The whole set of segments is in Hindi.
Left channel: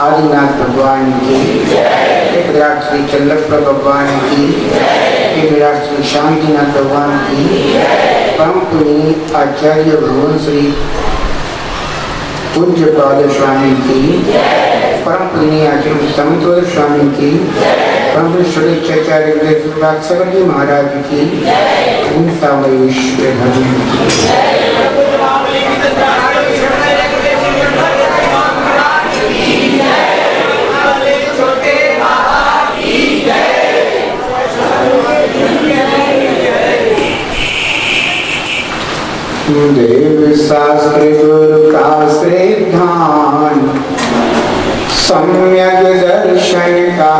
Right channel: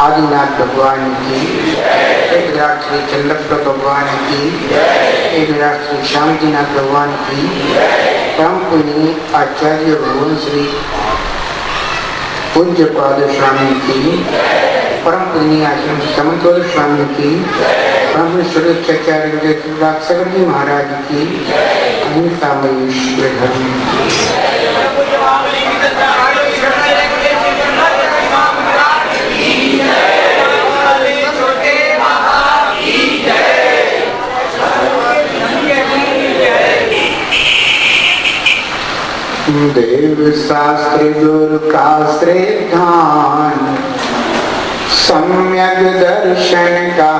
आदिनाथ भगवान की, एक विराट श्री चंद्रप्र भगवान की, एक विराट श्री शांतिनाथ भगवान की, परम पुण्य आचार्य भगवान श्री पूज्य पाद स्वामी की, परम पुण्य आचार्य समतोल स्वामी की, परम पुण्य जी महाराज की, देव शास्त्र गुरु का श्रद्धान, सम्यक दर्शन का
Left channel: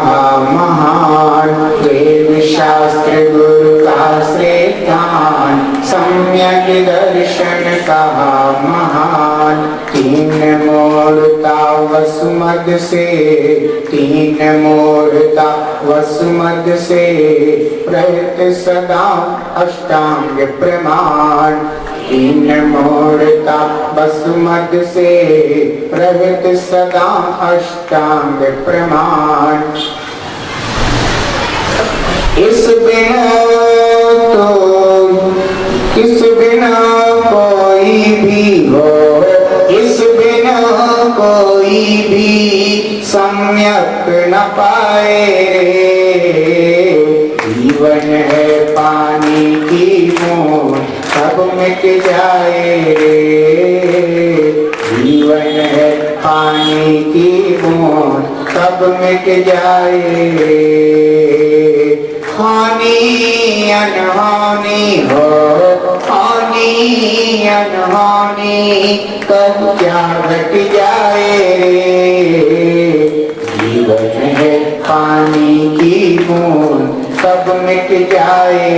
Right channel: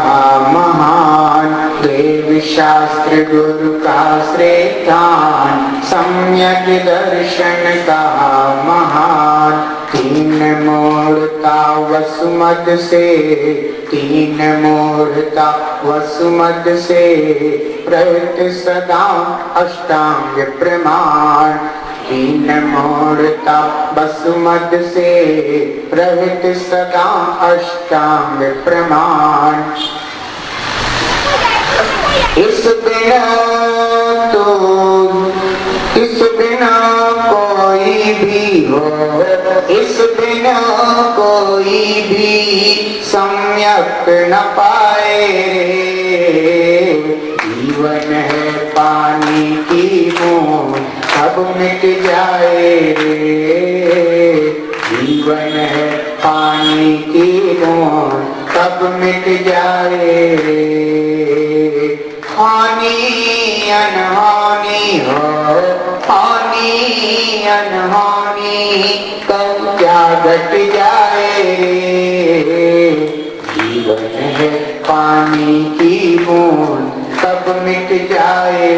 महान। देव शास्त्र गुरु का श्रद्धान, सम्यक दर्शन का महान। तीन मूर्ता वसुमत से, तीन मूर्ता वसुमत से, प्रहित सदा अष्टांग प्रमाण। तीन मूर्ता वसुमत से, प्रहित सदा अष्टांग प्रमाण। इस बिना कोई भी हो, इस बिना कोई भी सम्यक न पाए रे। जीवन है पानी की बूंद, सब मिट जाए। जीवन है पानी की बूंद, सब मिट जाए। हानि अनहानि हो, हानि अनहानि कब क्या घट जाए। जीवन है पानी की बूंद, सब मिट जाए।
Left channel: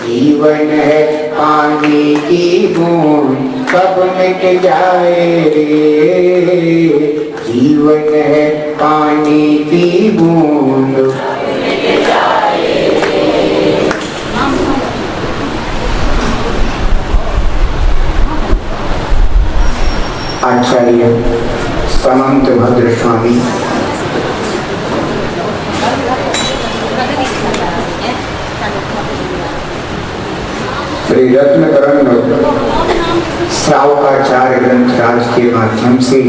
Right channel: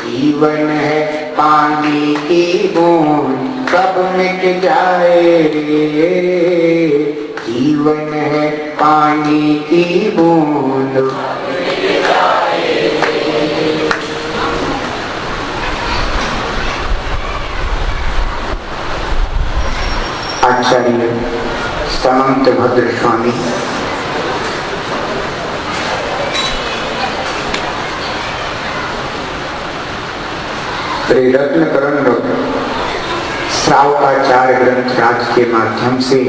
जीवन है पानी की बूंद, सब मिट जाए। जीवन है पानी की बूंद। आचार्य समंत भद्र स्वामी, श्री रत्नकरण श्रावकाचार्य ग्रंथराज के माध्यम से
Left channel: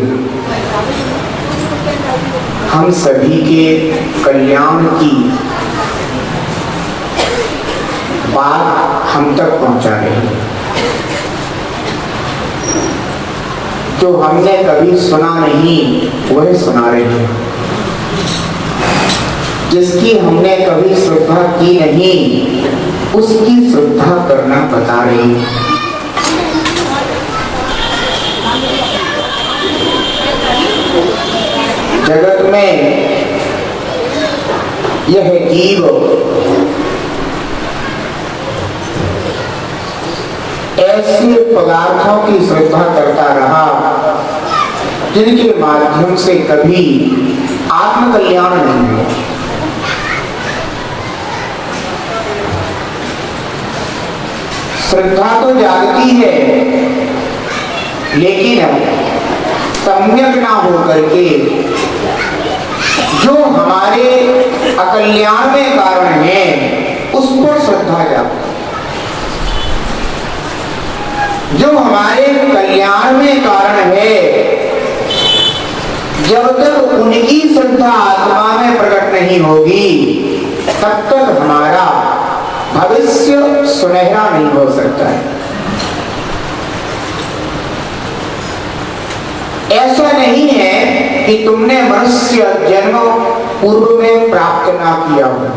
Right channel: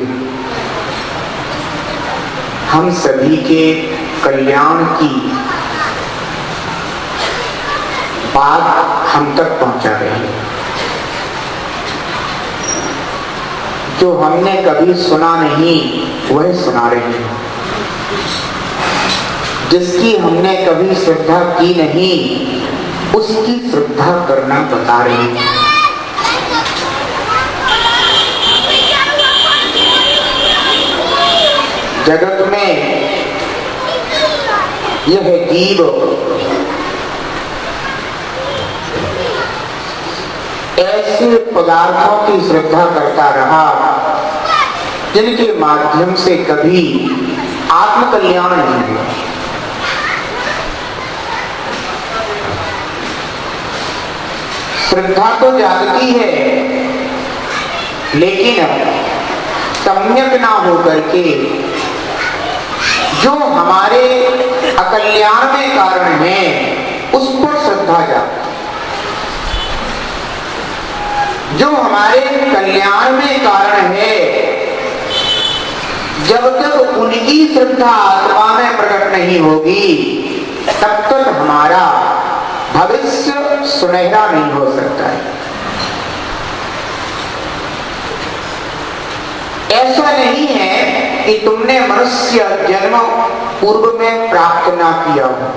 हम सभी के कल्याण की बात हम तक पहुंचा रहे हैं। जो हमने कभी सुना नहीं वह सुना रहे हैं, जिसकी हमने कभी श्रद्धा की नहीं उसकी श्रद्धा करना बता रहे हैं। जगत में यह जीव ऐसे पदार्थों की श्रद्धा करता रहा जिनके माध्यम से कभी आत्मकल्याण नहीं हुआ। श्रद्धा तो जागती है, लेकिन सम्यक ना होकर के जो हमारे अकल्याण में कारण है उस पर श्रद्धा जागती। जो हमारे कल्याण में कारण है, जब तक उनकी श्रद्धा आत्मा में प्रकट नहीं होगी तब तक हमारा भविष्य सुनहरा नहीं हो सकता है। ऐसा नहीं है कि तुमने मनुष्य जन्म पूर्व में प्राप्त ना किया हो।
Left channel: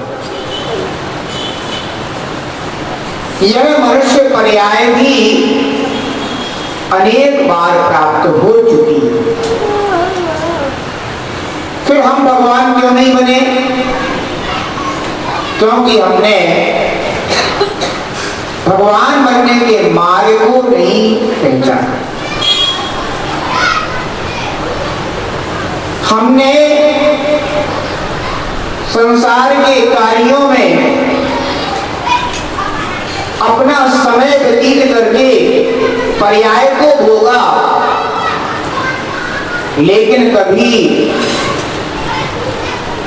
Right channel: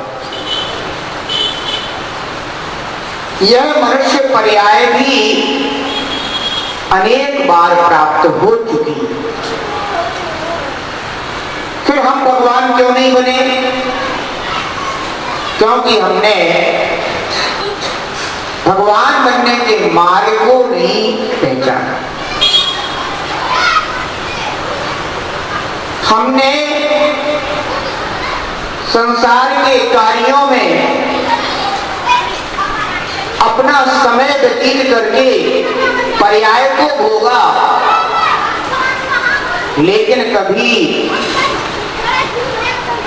यह मनुष्य पर्याय भी अनेक बार प्राप्त हो चुकी है। फिर हम भगवान क्यों नहीं बने? क्योंकि हमने भगवान बनने के मार्ग को नहीं पहचाना। हमने संसार के कार्यों में अपना समय व्यतीत करके पर्याय को भोगा, लेकिन कभी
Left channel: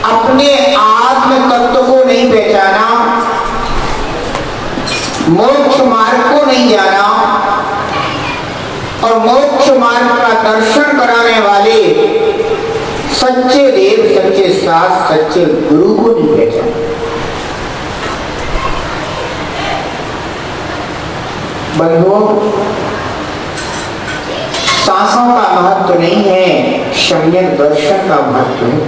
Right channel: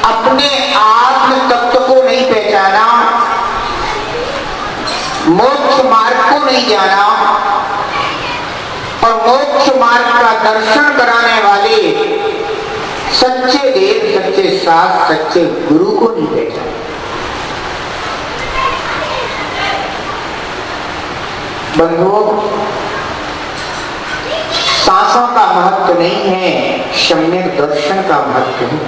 अपने आत्म तत्व को नहीं पहचाना, मोक्ष मार्ग को नहीं जाना और मोक्ष मार्ग का दर्शन कराने वाले सच्चे देव, सच्चे शास्त्र, सच्चे गुरु को नहीं पहचाना। बंधुओं, सांसों का महत्व नहीं है, सम्यक दर्शन का महत्व है।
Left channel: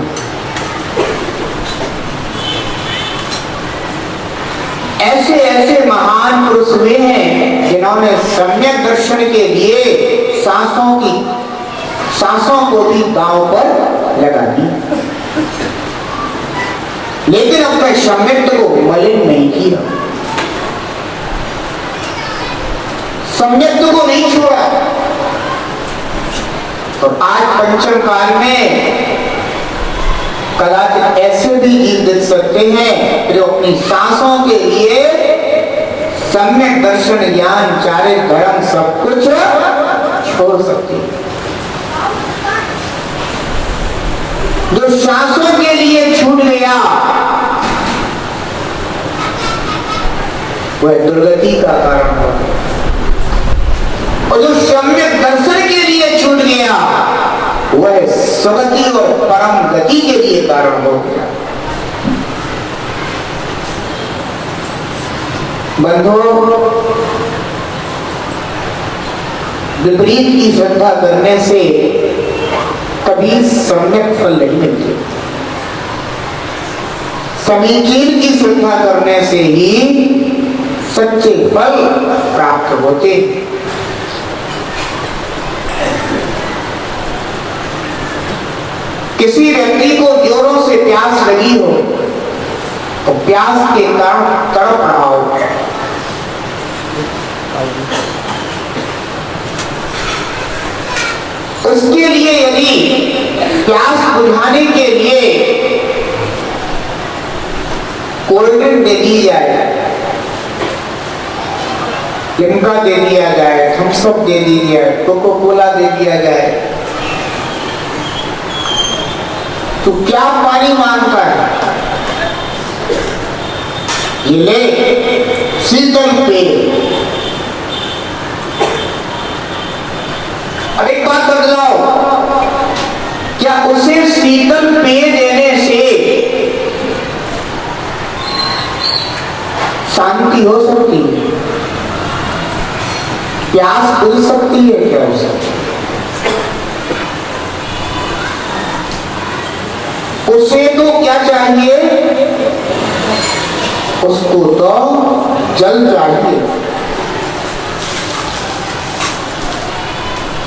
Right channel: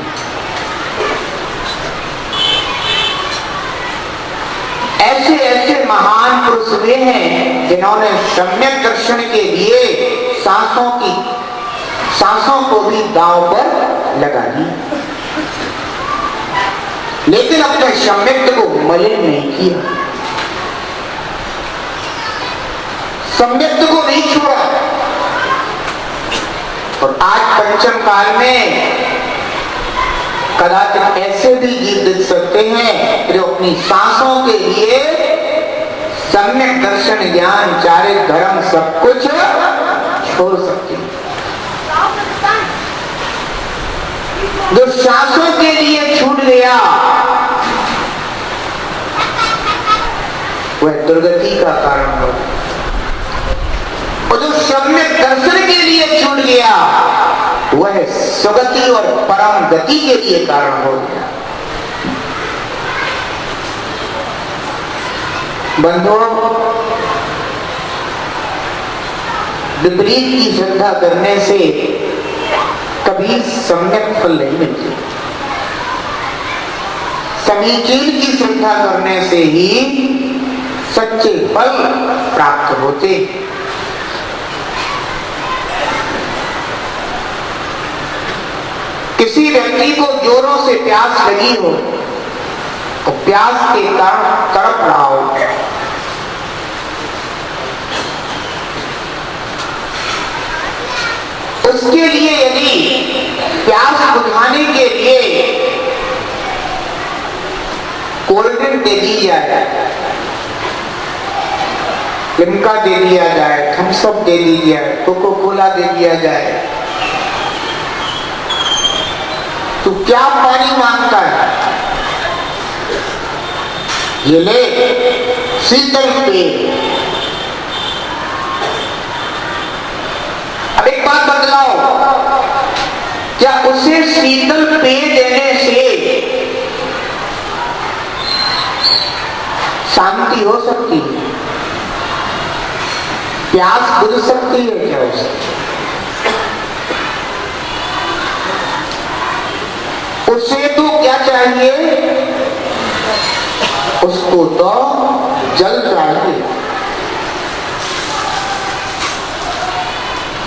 ऐसे ऐसे महान पुरुष हुए हैं जिन्होंने सम्यक दर्शन के लिए सांसों को भी दांव पर लगा दिया, लेकिन अपने सम्यक को मलिन नहीं किया, सम्यक को नहीं छोड़ा। और आज पंचम काल में कदाचित ऐसे भी जीव दिख सकते हैं जो अपनी सांसों के लिए सम्यक दर्शन, ज्ञान, चारित्र, धर्म सब कुछ छोड़ सकते हैं। जो सांसों के लिए छूट गया वह दुर्गति का कारण होता है, और जो सम्यक दर्शन के लिए छूट गया वह सुगति और परम गति के लिए कारण हो गया। बंधुओं, विपरीत की श्रद्धा करने से कभी सम्यक फल नहीं मिलते। समीचीन की श्रद्धा करने से ही सच्चे फल प्राप्त होते। किसी व्यक्ति को जोरों से प्यास लगी हो तो प्यास के कारण तड़प रहा हो, उसके लिए यदि प्यास बुझाने के लिए कोल्ड ड्रिंक दे दी जाए, लिम्का दे दिया जाए, थम्स अप दे दिया जाए, कोको कोला दे दिया जाए, तो क्या पानी मांगता है? ये ले शीतल पेय। अब एक बात बदलाओ, क्या उसे शीतल पेय देने से शांति हो सकती है? प्यास बुझ सकती है क्या उसे? उसे तो क्या चाहिए? उसको तो जल चाहिए।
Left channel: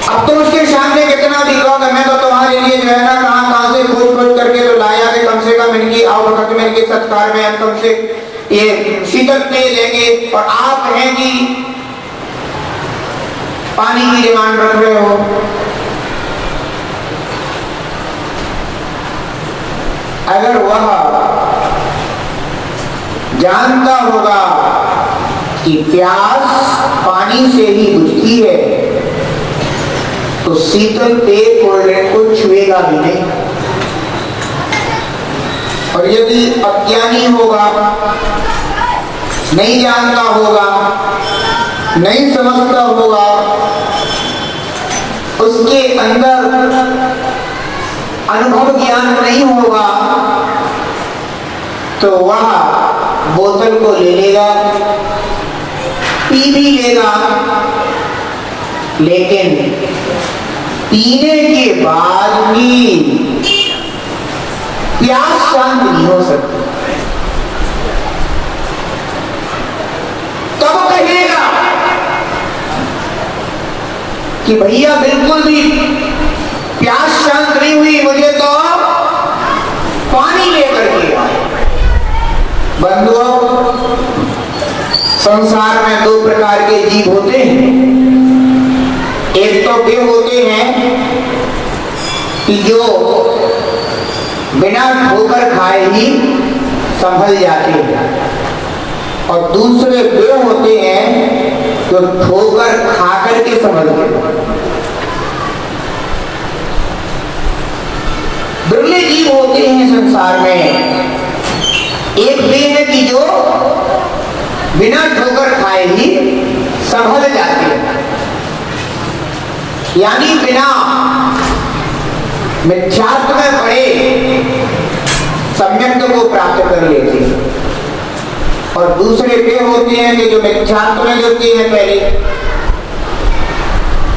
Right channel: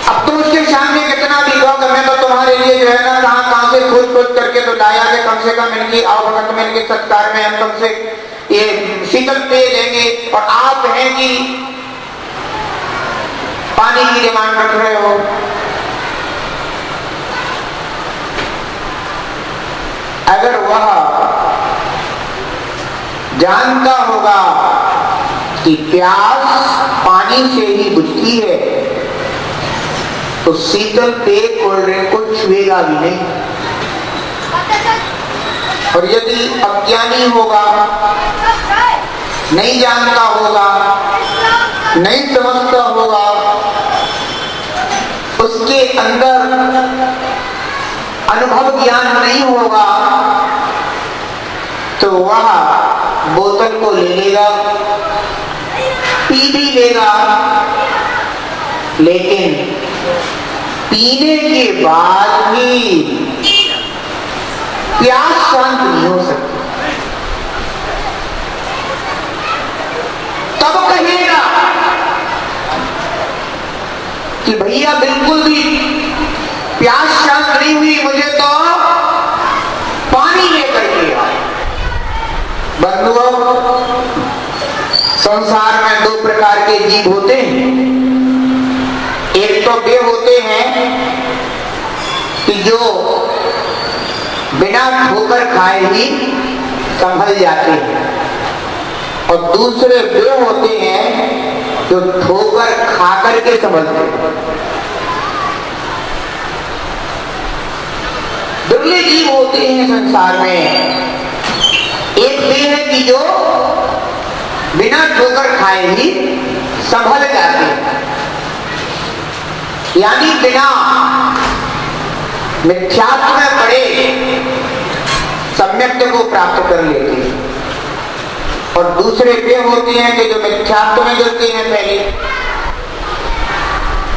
अब तो उसके सामने कितना भी कहोगे मैं तो तुम्हारे लिए जो है ना कहां से खोज करके तो लाया कि कम से कम इनकी आवभगत में, इनके सत्कार में हम कम से ये शीतल पेय लेंगे, और आप हैं कि पानी की डिमांड रख रहे हो। अगर वह जानता होगा कि प्यास पानी से ही बुझती है तो शीतल पेय कोल्ड ड्रिंक को छुएगा भी नहीं। और यदि अज्ञानी होगा, नहीं जानता होगा, नहीं समझता होगा, उसके अंदर अनुभव ज्ञान नहीं होगा, तो वह बोतल को ले लेगा, पी भी लेगा, लेकिन पीने के बाद भी प्यास शांत नहीं हो सकती। तब कहेगा कि भैया बिल्कुल भी प्यास शांत नहीं हुई, मुझे तो पानी लेकर के आओ। बंधुओं, संसार में दो प्रकार के जीव होते हैं। एक तो वे होते हैं कि जो बिना ठोकर खाए ही संभल जाते हैं, और दूसरे वे होते हैं जो ठोकर खा करके संभलते हैं। दुर्लभ जीव होते हैं संसार में। एक वे है कि जो बिना ठोकर खाए ही संभल जाते हैं, यानी बिना मिथ्यात्व में पड़े सम्यक को प्राप्त कर लेते हैं। और दूसरे वे होते हैं कि जो मिथ्यात्व में जुड़ते हैं पहले,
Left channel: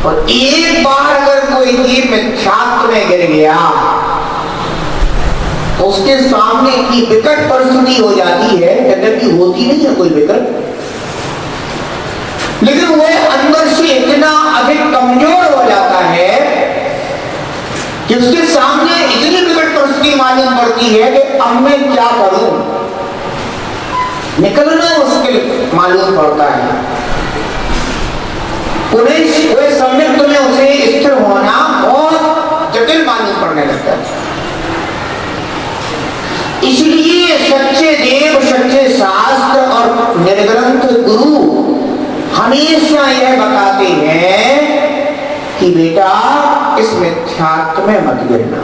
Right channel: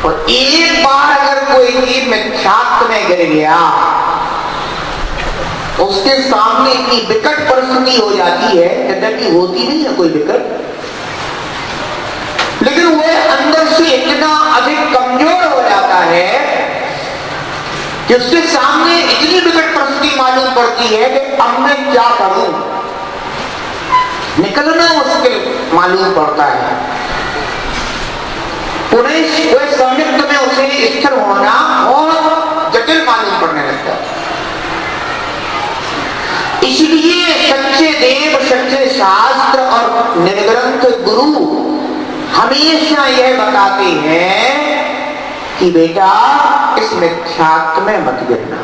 और एक बार अगर कोई जीव मिथ्यात्व में गिर गया, उसके सामने इतनी विकट परिस्थिति हो जाती है, यद्यपि होती नहीं है कोई विकट, लेकिन वह अंदर से इतना अधिक कमजोर हो जाता है कि उसके सामने इतनी विकट परिस्थिति मालूम पड़ती है कि अब मैं क्या करूं, निकलना मुश्किल मालूम पड़ता है। पुनः संयुक्त में उसे स्थिर होना और जटिल मालूम पड़ने लगता है। इसलिए सच्चे देव, सच्चे शास्त्र और निर्ग्रंथ गुरु हमेशा यह बताते हैं कि बेटा इस मिथ्यात्व में मत गिरना।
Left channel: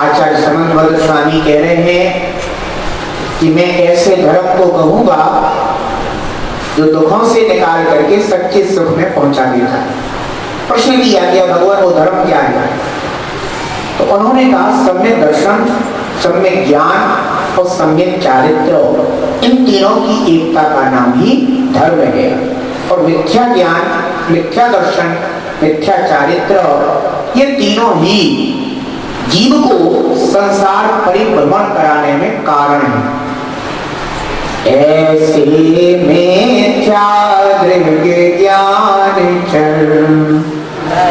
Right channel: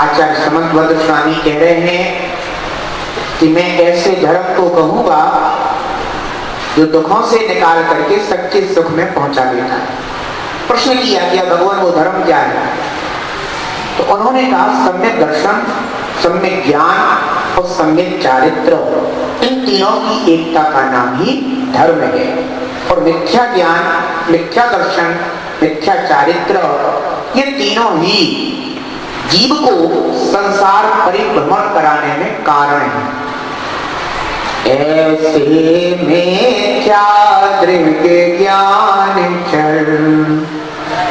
आचार्य समन्वय स्वामी कह रहे हैं कि मैं ऐसे धर्म को कहूंगा जो दुखों से निकाल करके सच्चे सुख में पहुंचा देता है। प्रश्न किया गया भगवान वो धर्म क्या है? तो उन्होंने कहा सम्यक दर्शन, सम्यक ज्ञान और सम्यक चारित्र, इन तीनों की एकता का नाम ही धर्म है। और मिथ्या ज्ञान, मिथ्या दर्शन, मिथ्या चारित्र, ये तीनों ही जीव को संसार परिभ्रमण कराने में कारण है। ऐसे मिथ्या दृग्य ज्ञान चल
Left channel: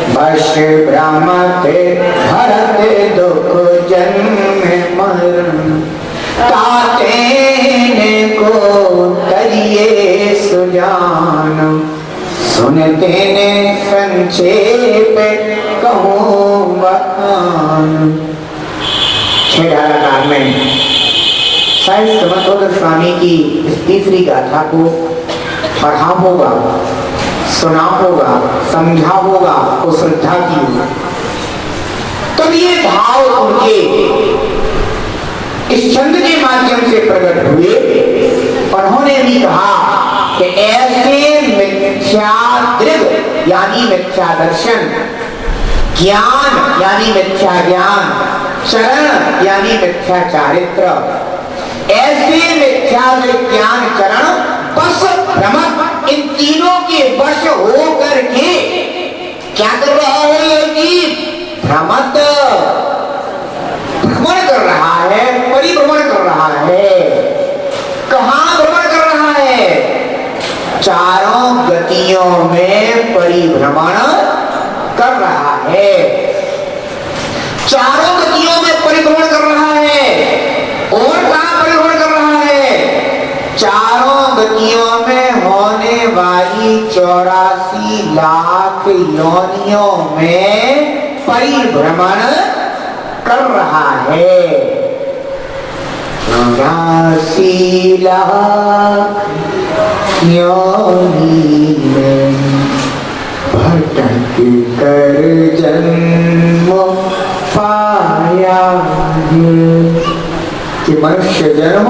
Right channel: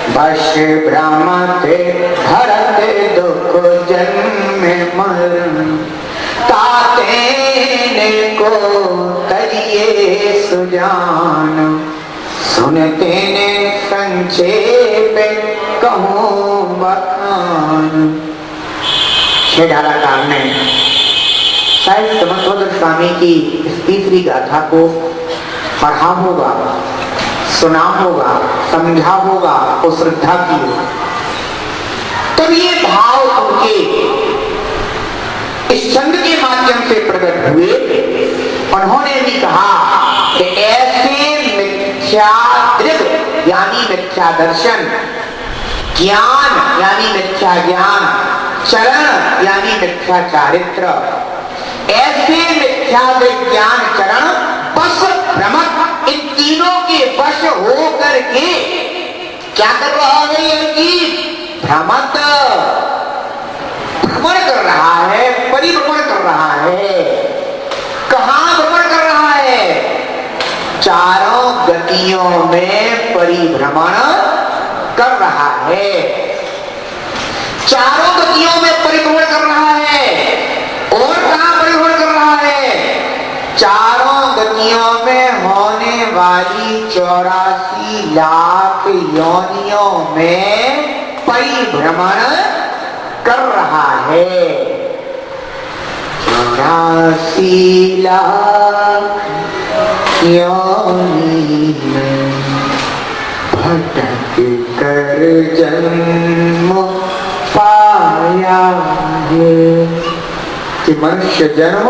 वश भ्रमते भरते दुख जन्म मरण, ताते को तरिए सुजान, सुनते ने संक्षेप कहूं बखान। छेड़ालाकार में शायद समर्थोदर स्वामी की इस तीसरी गाथा को पढ़ा होगा, सुना होगा, समझा होगा, को श्रद्धा की होगा, तब ये भाव उनके इस छंद के माध्यम से प्रकट हुए। उन्होंने भी कहा कि ऐसे मिथ्या दृग यानी मिथ्या दर्शन, ज्ञान यानी मिथ्या ज्ञान, चरण यानी मिथ्या चारित्र, ऐसे मिथ्या विज्ञान चरण बस भ्रमण, इन तीनों के वश हो करके क्या कर रहा है? ये जीव भ्रमण कर रहा है, परिभ्रमण कर रहा है। कहां भ्रमण कर रहा है? चारों गतियों में परिभ्रमण कर रहा है। चारों गतियों में परिभ्रमण कर रहा है। और कहां परिभ्रमण कर रहा है? चारों गतियों में होने वाली 84 लाख योनियों में परिभ्रमण कर रहा है। 84 लाख योनि में भटक कर जन्म पाया है। कि मनुष्य जन्म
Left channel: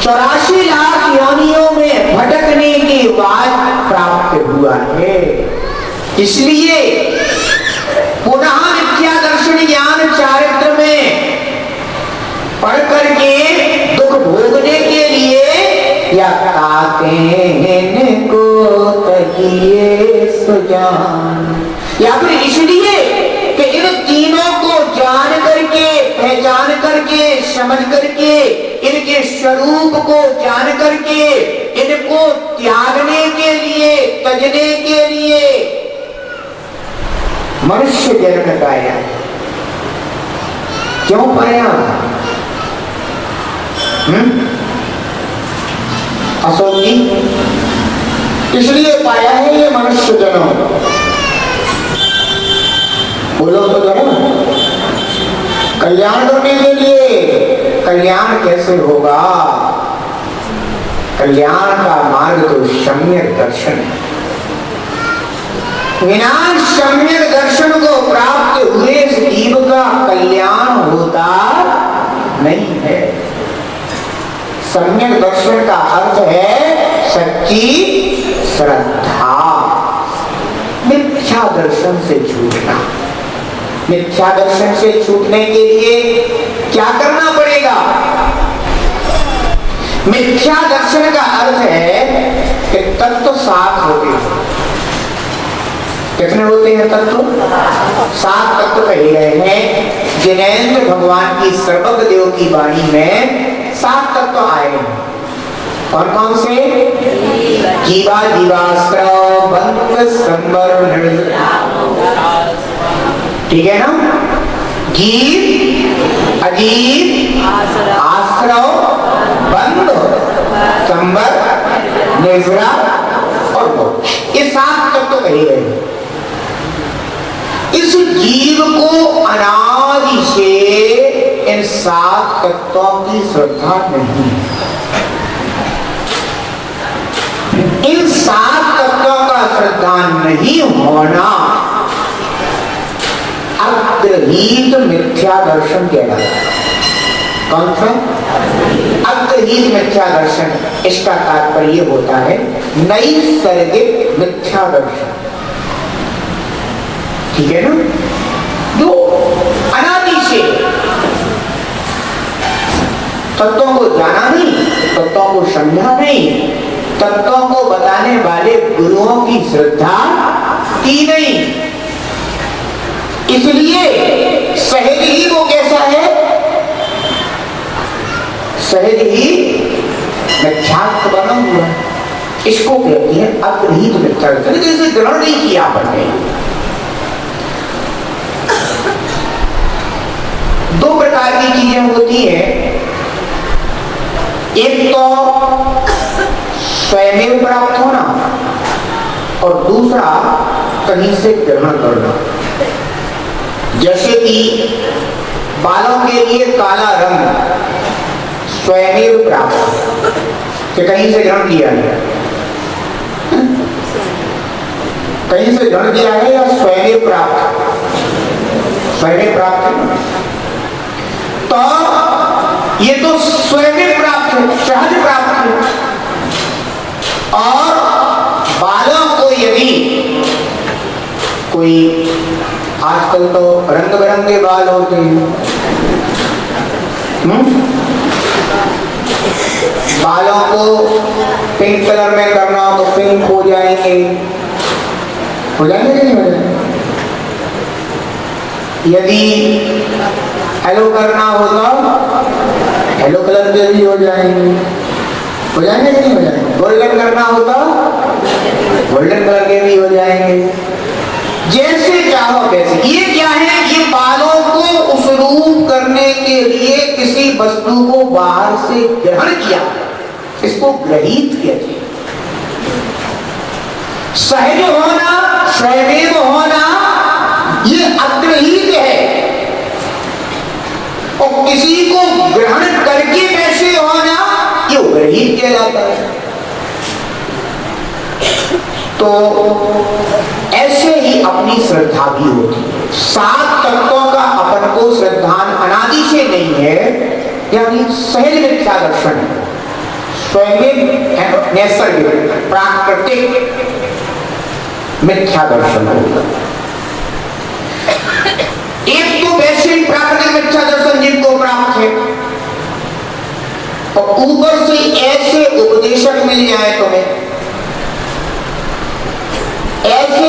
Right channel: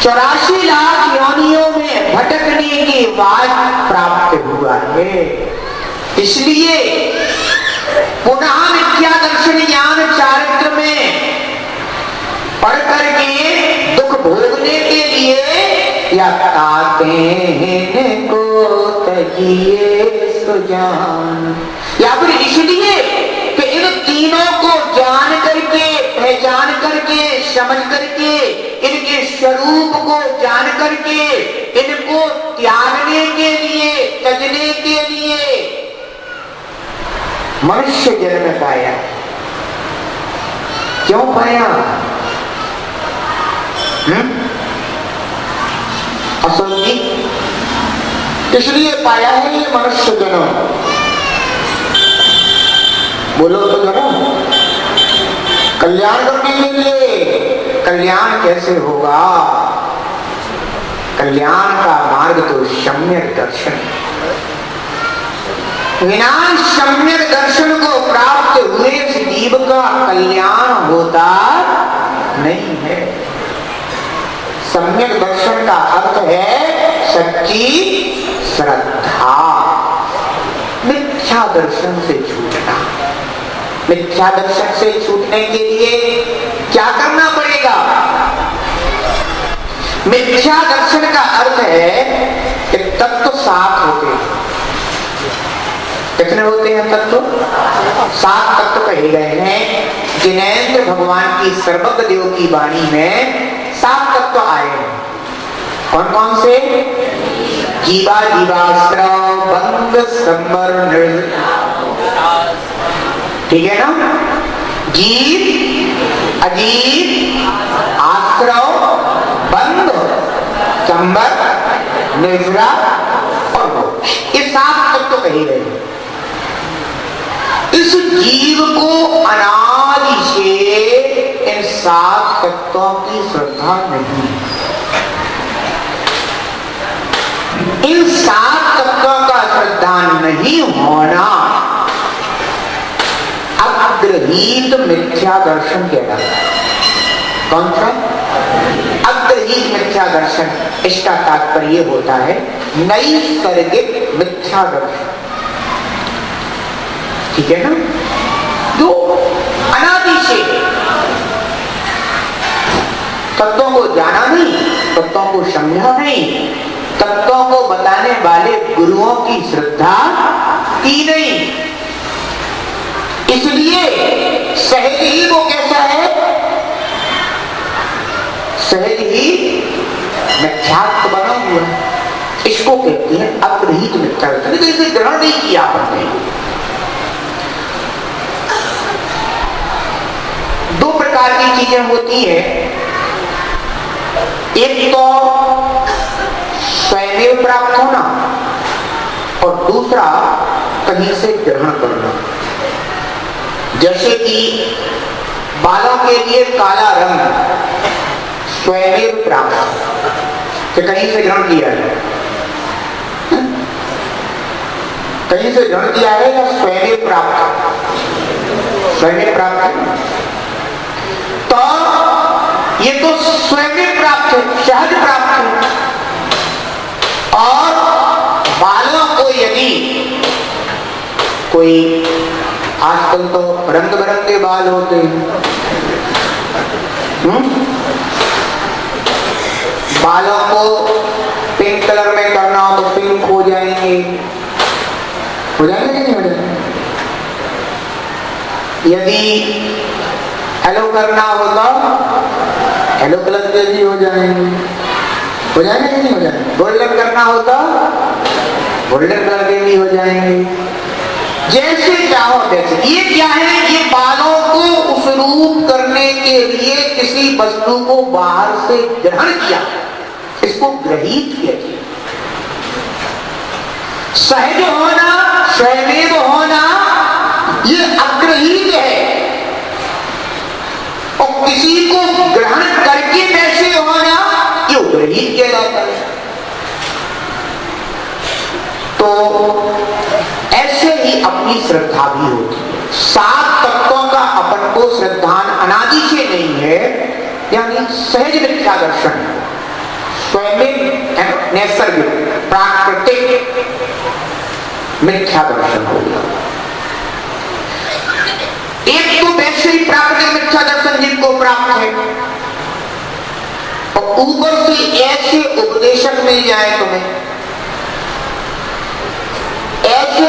84 लाख योनियों में भटकने के बाद प्राप्त हुआ है। इसलिए पुनः मिथ्या दर्शन ज्ञान चारित्र में पढ़ करके दुख भोगने के लिए या को तकिए सुजान, या फिर इसलिए कि इन तीनों को जान करके, पहचान करके, समझ करके, इनके स्वरूप को जान करके, इनको त्यागने के लिए, तजने के लिए मनुष्य जन्म पाया। क्यों पाया? असल जी इसलिए पाया है ये मनुष्य जन्म। बोलो तो जन्म कल्याण करने के लिए। कल्याण कैसे होगा? कल्याण का मार्ग तो सम्यक दर्शन। बिना सम्यक दर्शन को प्राप्त हुए जीव का कल्याण होता नहीं है। सम्यक दर्शन का अर्थ है सच्ची श्रद्धा। मिथ्या दर्शन से छूटना। मिथ्या दर्शन से छूटने के लिए क्या करना पड़ेगा? मिथ्या दर्शन का अर्थ है कि तत्व सात होते हैं। कितने होते हैं तत्व? 7 तत्व कहे गए हैं। जिनेंद्र भगवान की सर्वज्ञ देव की वाणी में 7 तत्व आए हैं। और कौन से? जीवा, जीवाश्रव, बंध, संवर, ठीक है ना? जीव, अजीव, आश्रव, बंध, संवर, निर्जरा और मोक्ष, ये 7 तत्व कहे गए। इस जीव को अनादि से इन 7 तत्वों की श्रद्धा नहीं। इन 7 तत्वों का श्रद्धा नहीं होना अग्रहीत मिथ्या दर्शन कहलाता है। कौन सा? अग्रहीत मिथ्या दर्शन। इसका तात्पर्य होता है नैसर्गिक मिथ्या दर्शन। ठीक है ना? जो अनादि से तत्वों को जाना नहीं, तत्वों को समझा नहीं, तत्वों को बताने वाले गुरुओं की श्रद्धा की नहीं। इसलिए सहज ही वो कैसा है? सहज ही मिथ्यात्व बना हुआ। इसको कहते हैं अग्रहीत मिथ्या दर्शन। इसे ग्रहण नहीं किया आपने। 2 प्रकार की चीजें होती हैं। एक तो स्वयं प्राप्त होना और दूसरा कहीं से ग्रहण करना। जैसे कि बालों के लिए काला रंग स्वयं प्राप्त, कि कहीं से ग्रहण किया है, कहीं से ग्रहण किया है या स्वयं प्राप्त? स्वयं प्राप्त। तो ये तो स्वयं प्राप्त है, सहज प्राप्त है। और बालों को यदि कोई, आजकल तो रंग बिरंगे बाल होते हैं, बालों को पिंक कलर में करना हो तो पिंक हो जाएंगे, हो जाएंगे कि नहीं हो जाएंगे? यदि हेलो करना हो तो हेलो कलर के भी हो जाएंगे, हो जाएंगे कि नहीं हो जाएंगे? गोल्डन करना हो तो गोल्डन कलर के भी हो जाएंगे, जैसे चाहो जैसे। ये क्या है? ये बालों को उस रूप करने के लिए किसी वस्तु को बाहर से ग्रहण किया, इसको ग्रहित किया जाए। सहज होना, स्वयं होना, ये अग्रहित है। और किसी को ग्रहण करके कैसे होना, ये ग्रहित कहलाता है। तो ऐसे ही अपनी श्रद्धा भी होती है। 7 तत्वों का अपन को श्रद्धान अनादि से नहीं है, यानी सहज मिथ्या दर्शन, स्वयं नैसर्गिक प्राकृतिक मिथ्या दर्शन होगा। एक तो वैसे ही प्राकृतिक मिथ्या दर्शन जिनको प्राप्त है, और ऊपर से ऐसे उपदेशक मिल जाए तुम्हें, ऐसे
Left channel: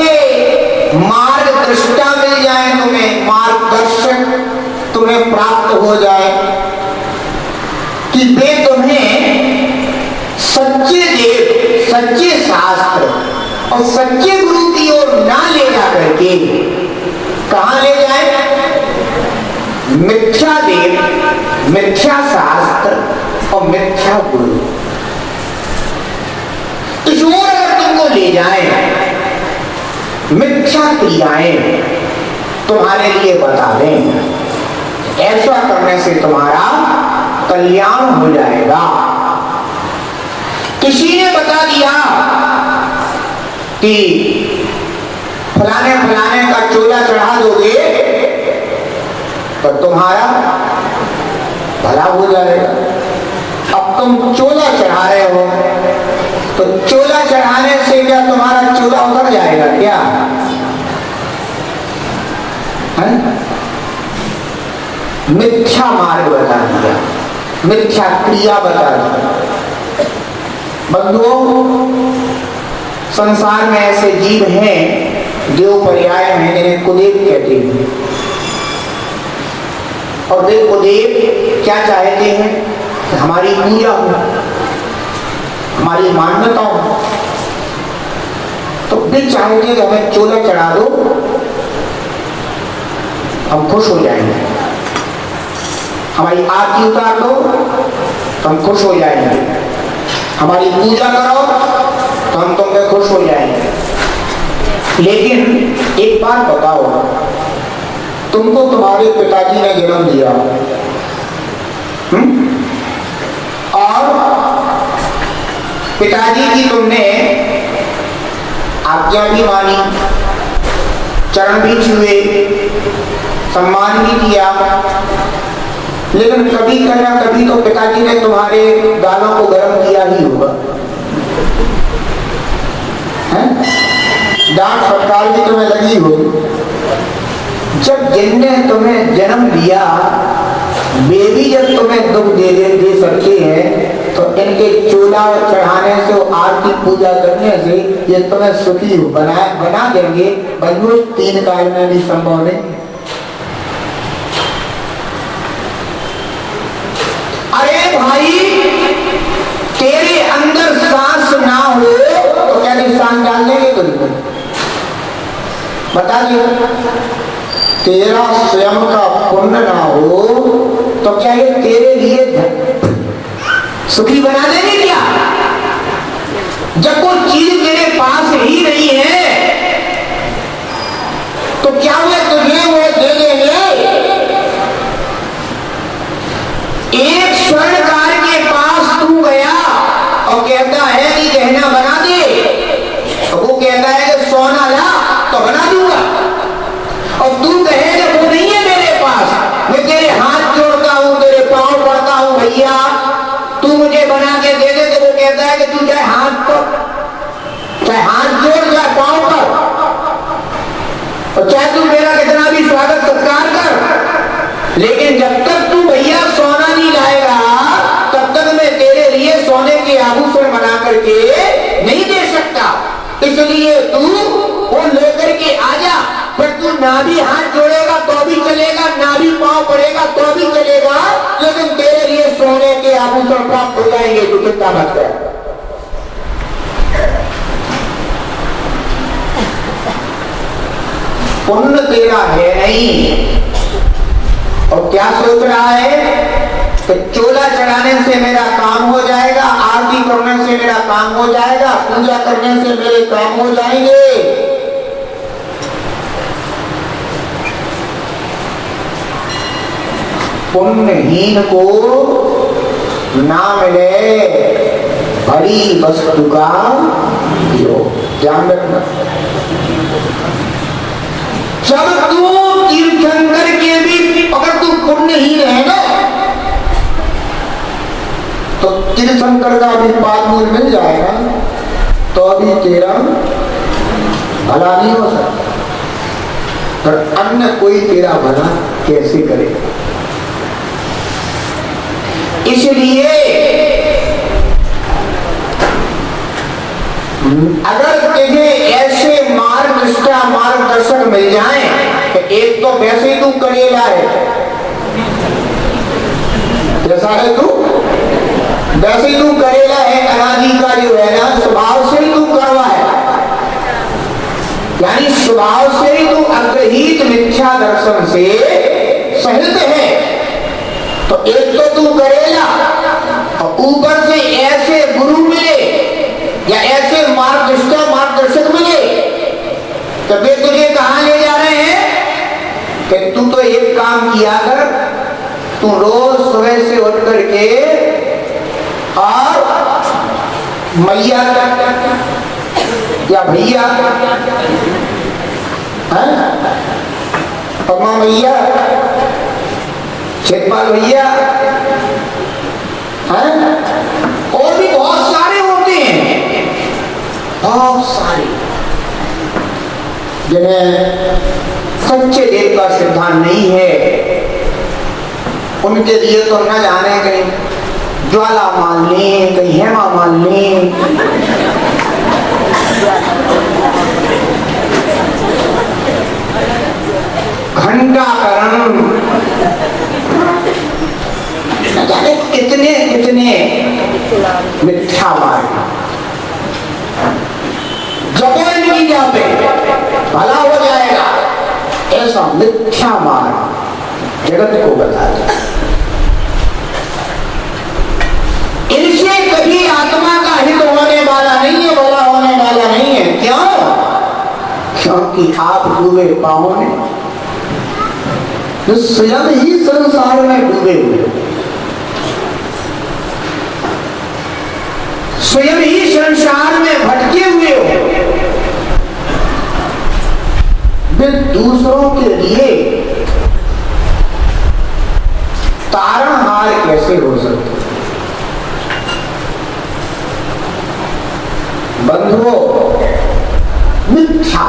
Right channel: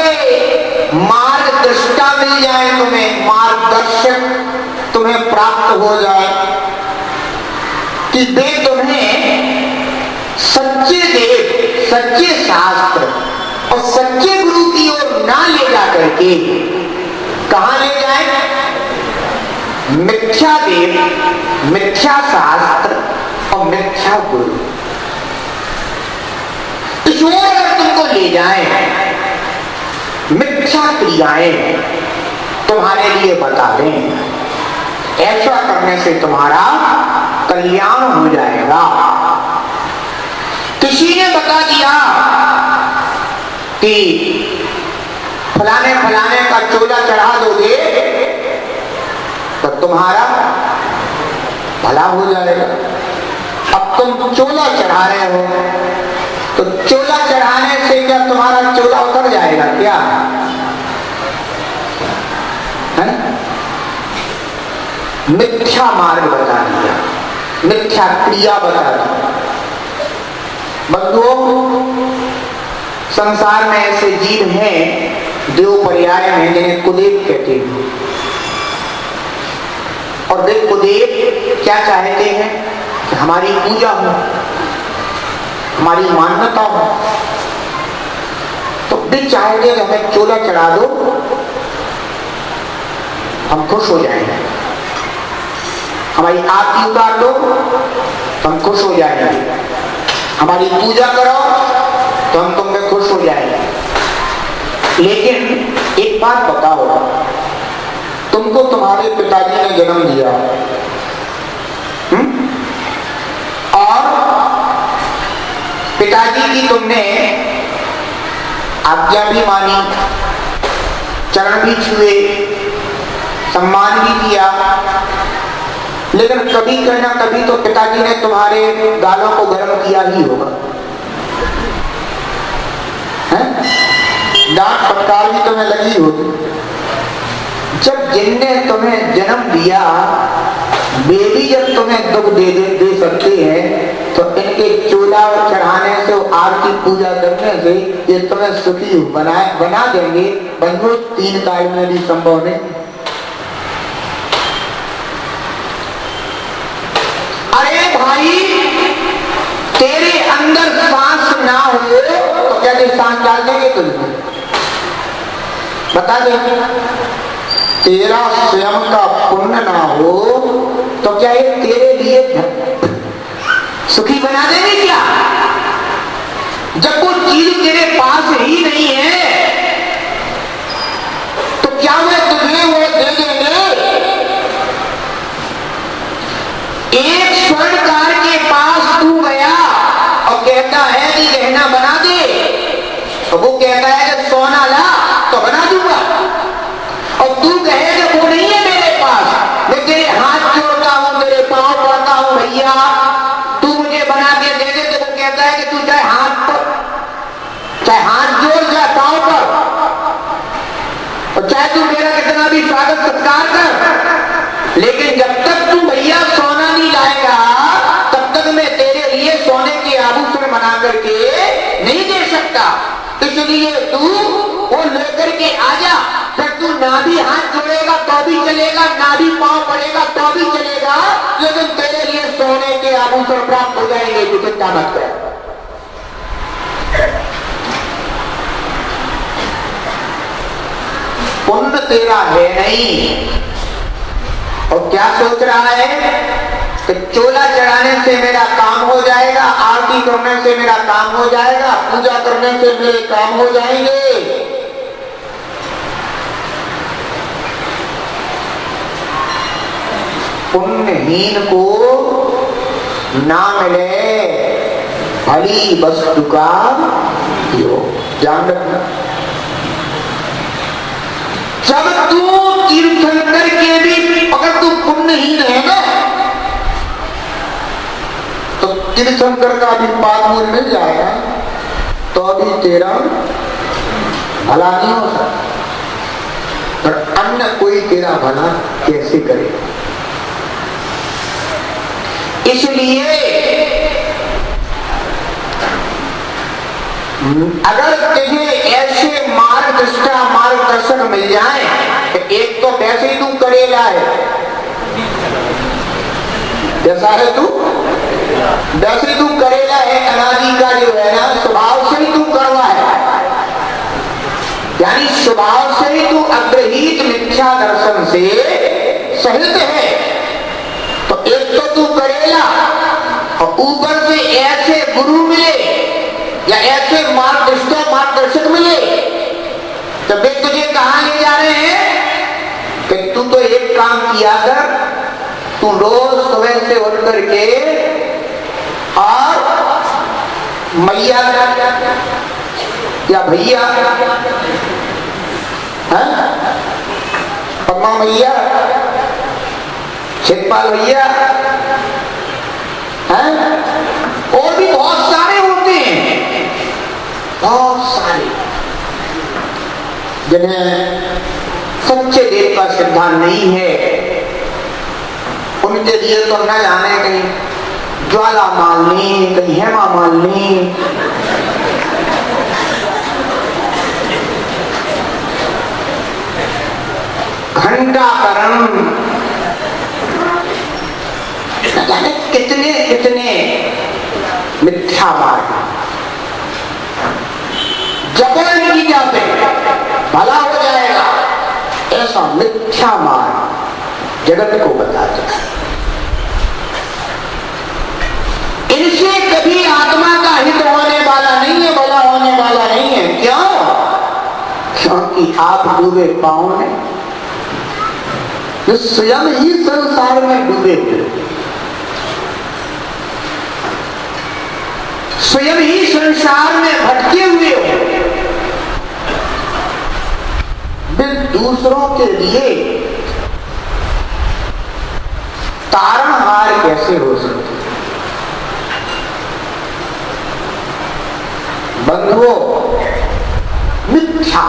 मार्गदर्शिता मिल जाए तुम्हें, मार्गदर्शक तुम्हें प्राप्त हो जाए कि वे तुम्हें सच्चे देव, सच्चे शास्त्र और सच्चे गुरु की ओर ना ले जा करके कहां ले जाए? मिथ्या देव, मिथ्या शास्त्र और मिथ्या गुरु, इस ओर अगर तुमको ले जाए, मिथ्या क्रियाएं तुम्हारे लिए बता दें, ऐसा करने से तुम्हारा कल्याण हो जाएगा। किसी ने बता दिया कि फलाने फलाने का चोला चढ़ा दोगे तो तुम्हारा भला हो जाएगा। अब तुम चोला चढ़ा रहे हो, तो चोला चढ़ाने से क्या तुम्हारा चोला उतर जाएगा क्या? है? मिथ्या मार्ग बता दिया, मिथ्या क्रिया बता दी। बंधुओं, संसार में ऐसे जीव हैं, देव पर्याय हैं, जिन्हें कुदेव कहते हैं। और देव कुदेव क्या चाहते हैं? कि हमारी पूजा हो, हमारी मान्यता हो। तो वे चाहेंगे कि हमें चोला चढ़ा दो, हम खुश हो जाएंगे। हमारी आरती उतार दो तो हम खुश हो जाएंगे। हमारी पूजा करो तो हम तुमसे खुश हो जाएंगे। लेकिन एक बात बताओ, तुमको तुम्हारे पिताजी ने जन्म दिया और पिताजी की तुमने आज्ञा भी मानी, चरण भी छुए, सम्मान भी किया, लेकिन कभी कहना कभी तो पिताजी ने तुम्हारे गालों को गर्म किया ही होगा, डांट फटकार भी तुम्हें लगी होगी। जब जिनने तुम्हें जन्म दिया वे भी जब तुम्हें दुख दे सकते हैं, तो इनके चोला चढ़ाने से, आरती पूजा करने से ये तुम्हें सुखी बना देंगे। बंधु 3 काल में भी संभव नहीं। अरे भाई, तेरे अंदर सांस ना हो तो क्या सांस डाल देंगे तुझको? बता दे। तेरा स्वयं का पुण्य ना हो तो क्या ये तेरे लिए सुखी बना देंगे क्या? जब कोई चीज तेरे पास ही नहीं है तो क्या वे तुझे वो दे देंगे? एक स्वर्णकार के चाहे हाथ जोड़ या पांव पर, और चाहे तू मेरा कितना भी स्वागत सत्कार कर, लेकिन जब तक तू भैया सोना नहीं लाएगा तब तक मैं तेरे लिए सोने के आभूषण बना करके नहीं दे सकता। इसलिए तू वो लेकर के आजा। फिर तू ना भी हाथ जोड़ेगा तो भी चलेगा, ना भी पांव पड़ेगा तो भी चलेगा, लेकिन तेरे लिए सोने के आभूषण प्राप्त हो जाएंगे। जो चिंता मत कर। पुण्य तेरा है नहीं, और क्या सोच रहा है कि चोला चढ़ाने से मेरा काम हो जाएगा, आरती करने से मेरा काम हो जाएगा, पूजा करने से मेरे काम हो जाएंगे। पुण्यहीन को ना मिले बड़ी वस्तु का योग। ध्यान रखना। जब तू तीर्थंकर के भी अगर तू पुण्यहीन है ना, तो तीर्थंकर का भी पाप मिल जाएगा तो अभी तेरा भला नहीं हो सकता, पर अन्य कोई तेरा भला कैसे करे। इसलिए अगर तुझे ऐसे मार्गदर्शक मार्गदर्शक मिल जाए कि एक तो वैसे ही तू करेला है, जैसा है तू वैसे ही तू करेला है, अनादि का जो है ना स्वभाव से ही तू करवा है, यानी स्वभाव से ही तू अग्रहीत मिथ्या दर्शन से सहित है। तो एक तो तू करेला और ऊपर से ऐसे गुरु मिले या ऐसे मार्गदर्शक मिले, तो वे तुझे कहां ले जा रहे हैं कि तू तो एक काम किया कर, तू रोज सुबह से उठ करके और मैया या भैया परमा मैया, शेखपाल भैया हैं, और भी बहुत सारे होते हैं, बहुत सारे जिन्हें सच्चे देव का सिद्धांत नहीं है। उनके लिए तो न जाने कहीं ज्वाला मालनी, कहीं हेमा मालनी, घंटाकरण, न जाने कितने कितने मिथ्या मार्ग जबरन की जाते भला हो जाएगा, ऐसा मिथ्या मार्ग जगत को बता दे। इनसे कभी आत्मा का हित होने वाला नहीं है, भला होने वाला नहीं है। क्यों? क्योंकि आप डूबे पांव में, जो स्वयं ही संसार में डूबे हुए, स्वयं ही संसार में भटके हुए हो, वे दूसरों के लिए तारणहार कैसे हो सकते? बंधुओं, मिथ्या